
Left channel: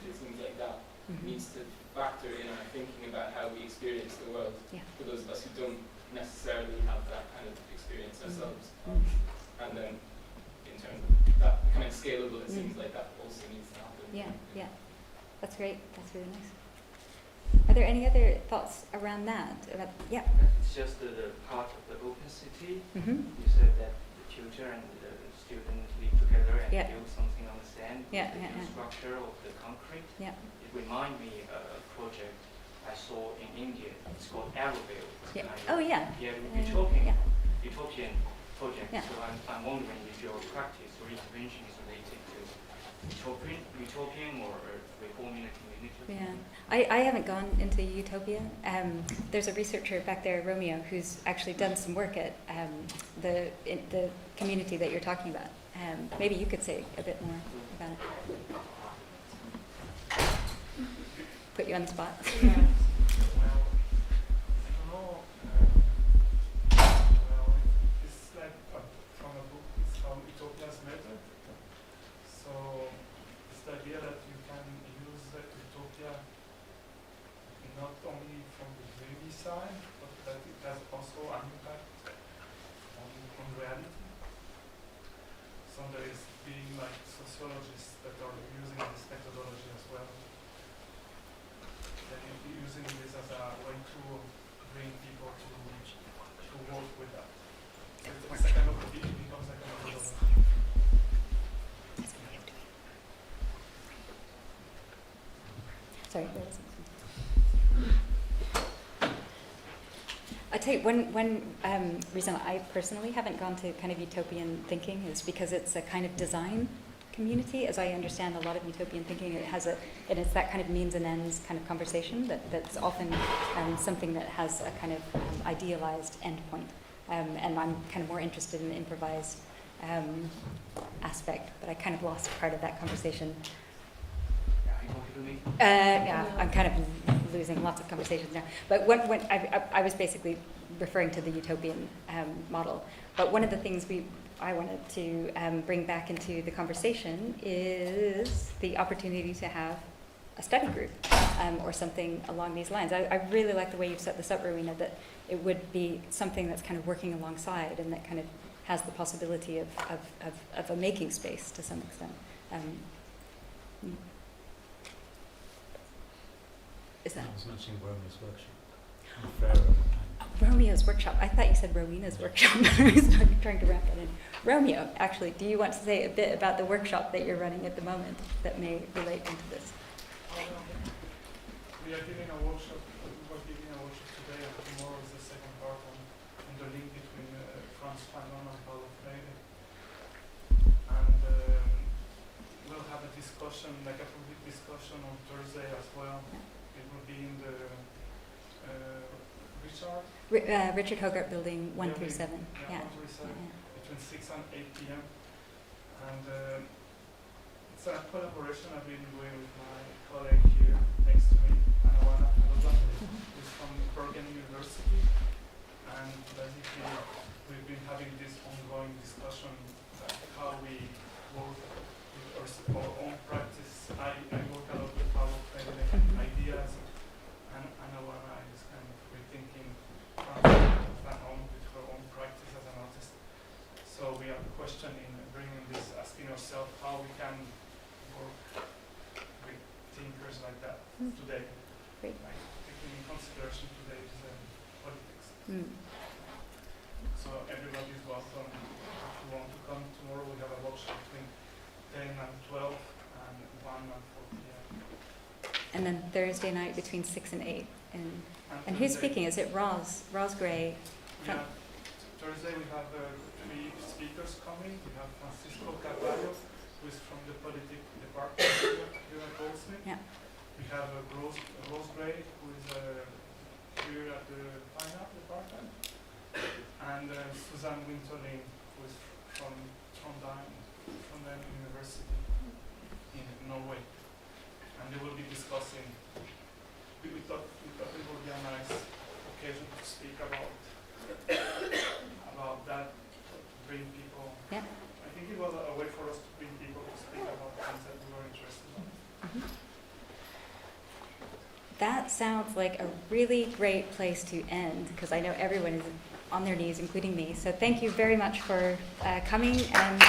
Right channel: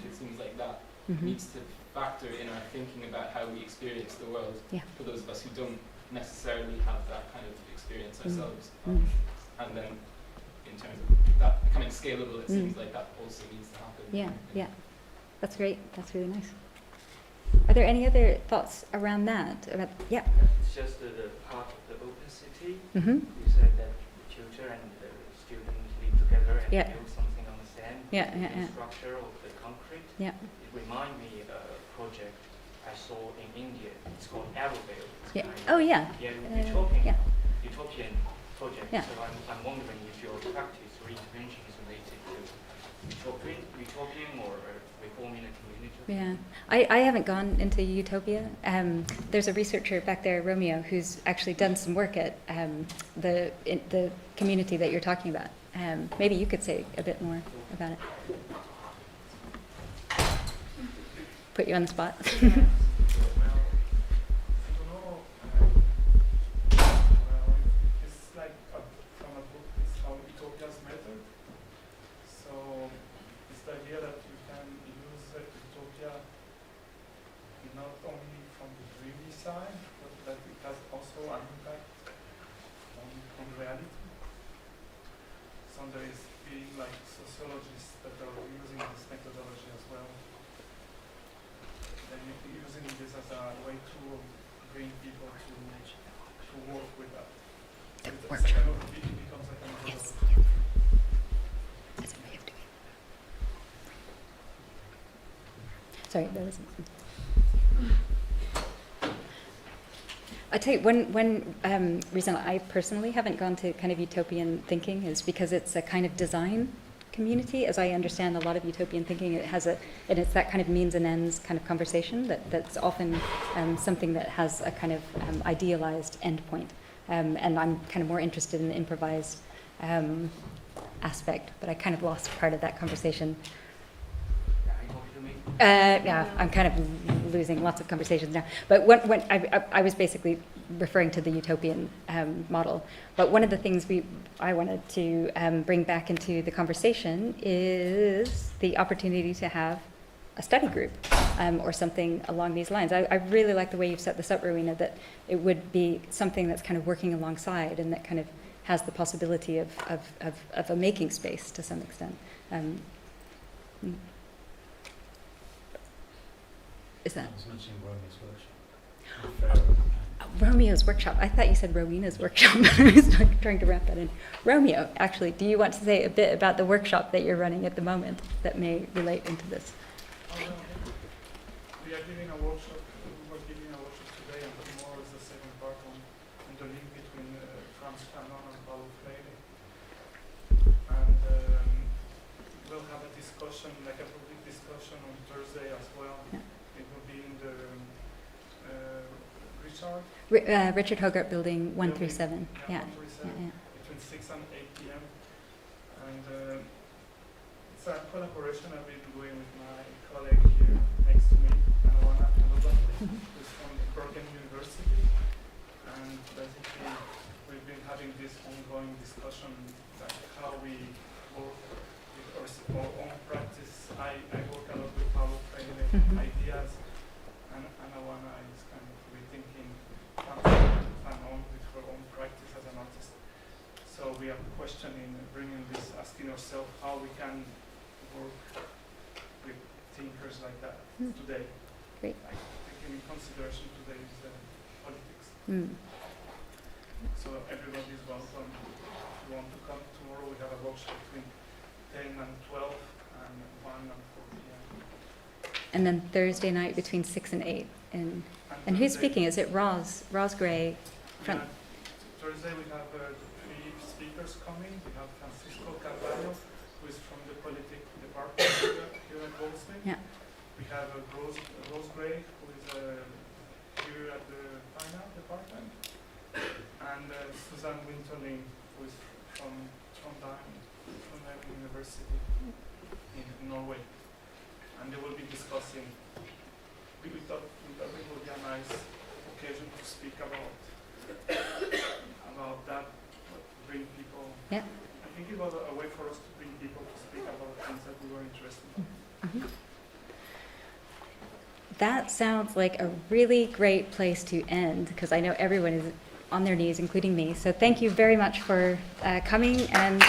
It seems like that needs to factor in our thinking about how we experience the world for those of us who don't necessarily have that kind of experience ourselves. And then in terms of that becoming scalable, it seems like that also needs to happen. Yeah. That's great. That's really nice. Are there any other thoughts around that? It's just the part of the opacity. You said that the tutor and the student live together and build something on the sand. The structure of the concrete. It reminds me of a project I saw in India. It's called Arrowville. Utopian project. So I'm wondering if your practice or intervention is related to utopian or reforming a community. I haven't gone into utopia. There's a researcher back there, Romeo, who's actually done some work at the community that you're talking about. Maybe you could say a bit more about it. Put you on the spot. There is being like sociologists that are using this methodology as well. Then using this as a way to bring people to work with that. So it becomes like a methodology. Sorry, there was I tell you, one reason I personally haven't gone to kind of utopian thinking is because it's a kind of design community. As I understand a lot of utopian thinking, and it's that kind of means and ends kind of conversation that's often something that has a kind of idealized endpoint. And I'm kind of more interested in the improvised aspect, but I kind of lost part of that conversation. I'm kind of losing lots of conversations now. But when I was basically referring to the utopian model. But one of the things I wanted to bring back into the conversation is the opportunity to have a study group or something along these lines. I really like the way you've set this up, Rowena, that it would be something that's kind of working alongside and that kind of has the possibility of a making space to some extent. Is that? I was mentioning Romeo's workshop. Romeo's workshop. I thought you said Rowena's workshop. I was trying to wrap that in. Romeo, actually, do you want to say a bit about the workshop that you're running at the moment that may relate into this? We are giving a workshop. We're giving a workshop today, and tomorrow is the second part on the link between Franz Fanon and Paulo Freire. And we'll have a discussion, like a public discussion on Thursday as well. Yeah. It will be in the Richard Hogarth Building 137. Yeah. Between 6 and 8 p.m. And it's a collaboration I've been doing with my colleague here next to me, Anna who's from Bergen University. And basically, we've been having this ongoing discussion about how we work with our own practice. I work a lot with Paulo Freire ideas, and Anna is kind of rethinking Fanon with her own practice as an artist. So we are questioning, bringing this, asking ourselves how we can work with thinkers like that today. Great. Like, taking in consideration today's politics. So everybody is welcome. If you want to come tomorrow, we have a workshop between 10 and 12 and 1 and 4 p.m. And then Thursday night between 6 and 8. And who's speaking? Is it Roz Gray? From Thursday we have 3 speakers coming. We have Francisco Carvalho, who is from the politics department here at Goldsmiths. Yeah. We have Rose Gray, who is here at the Fine Art department, and Susan Winterling, who is from Diann University in Norway, and they will be discussing. We thought it would be a nice occasion to speak about that, to bring people. Yeah. I think it was a way for us to bring people to speak about things that we were interested in. Mm-hmm. That sounds like a really great place to end, because I know everyone is on their knees, including me. So thank you very much for coming and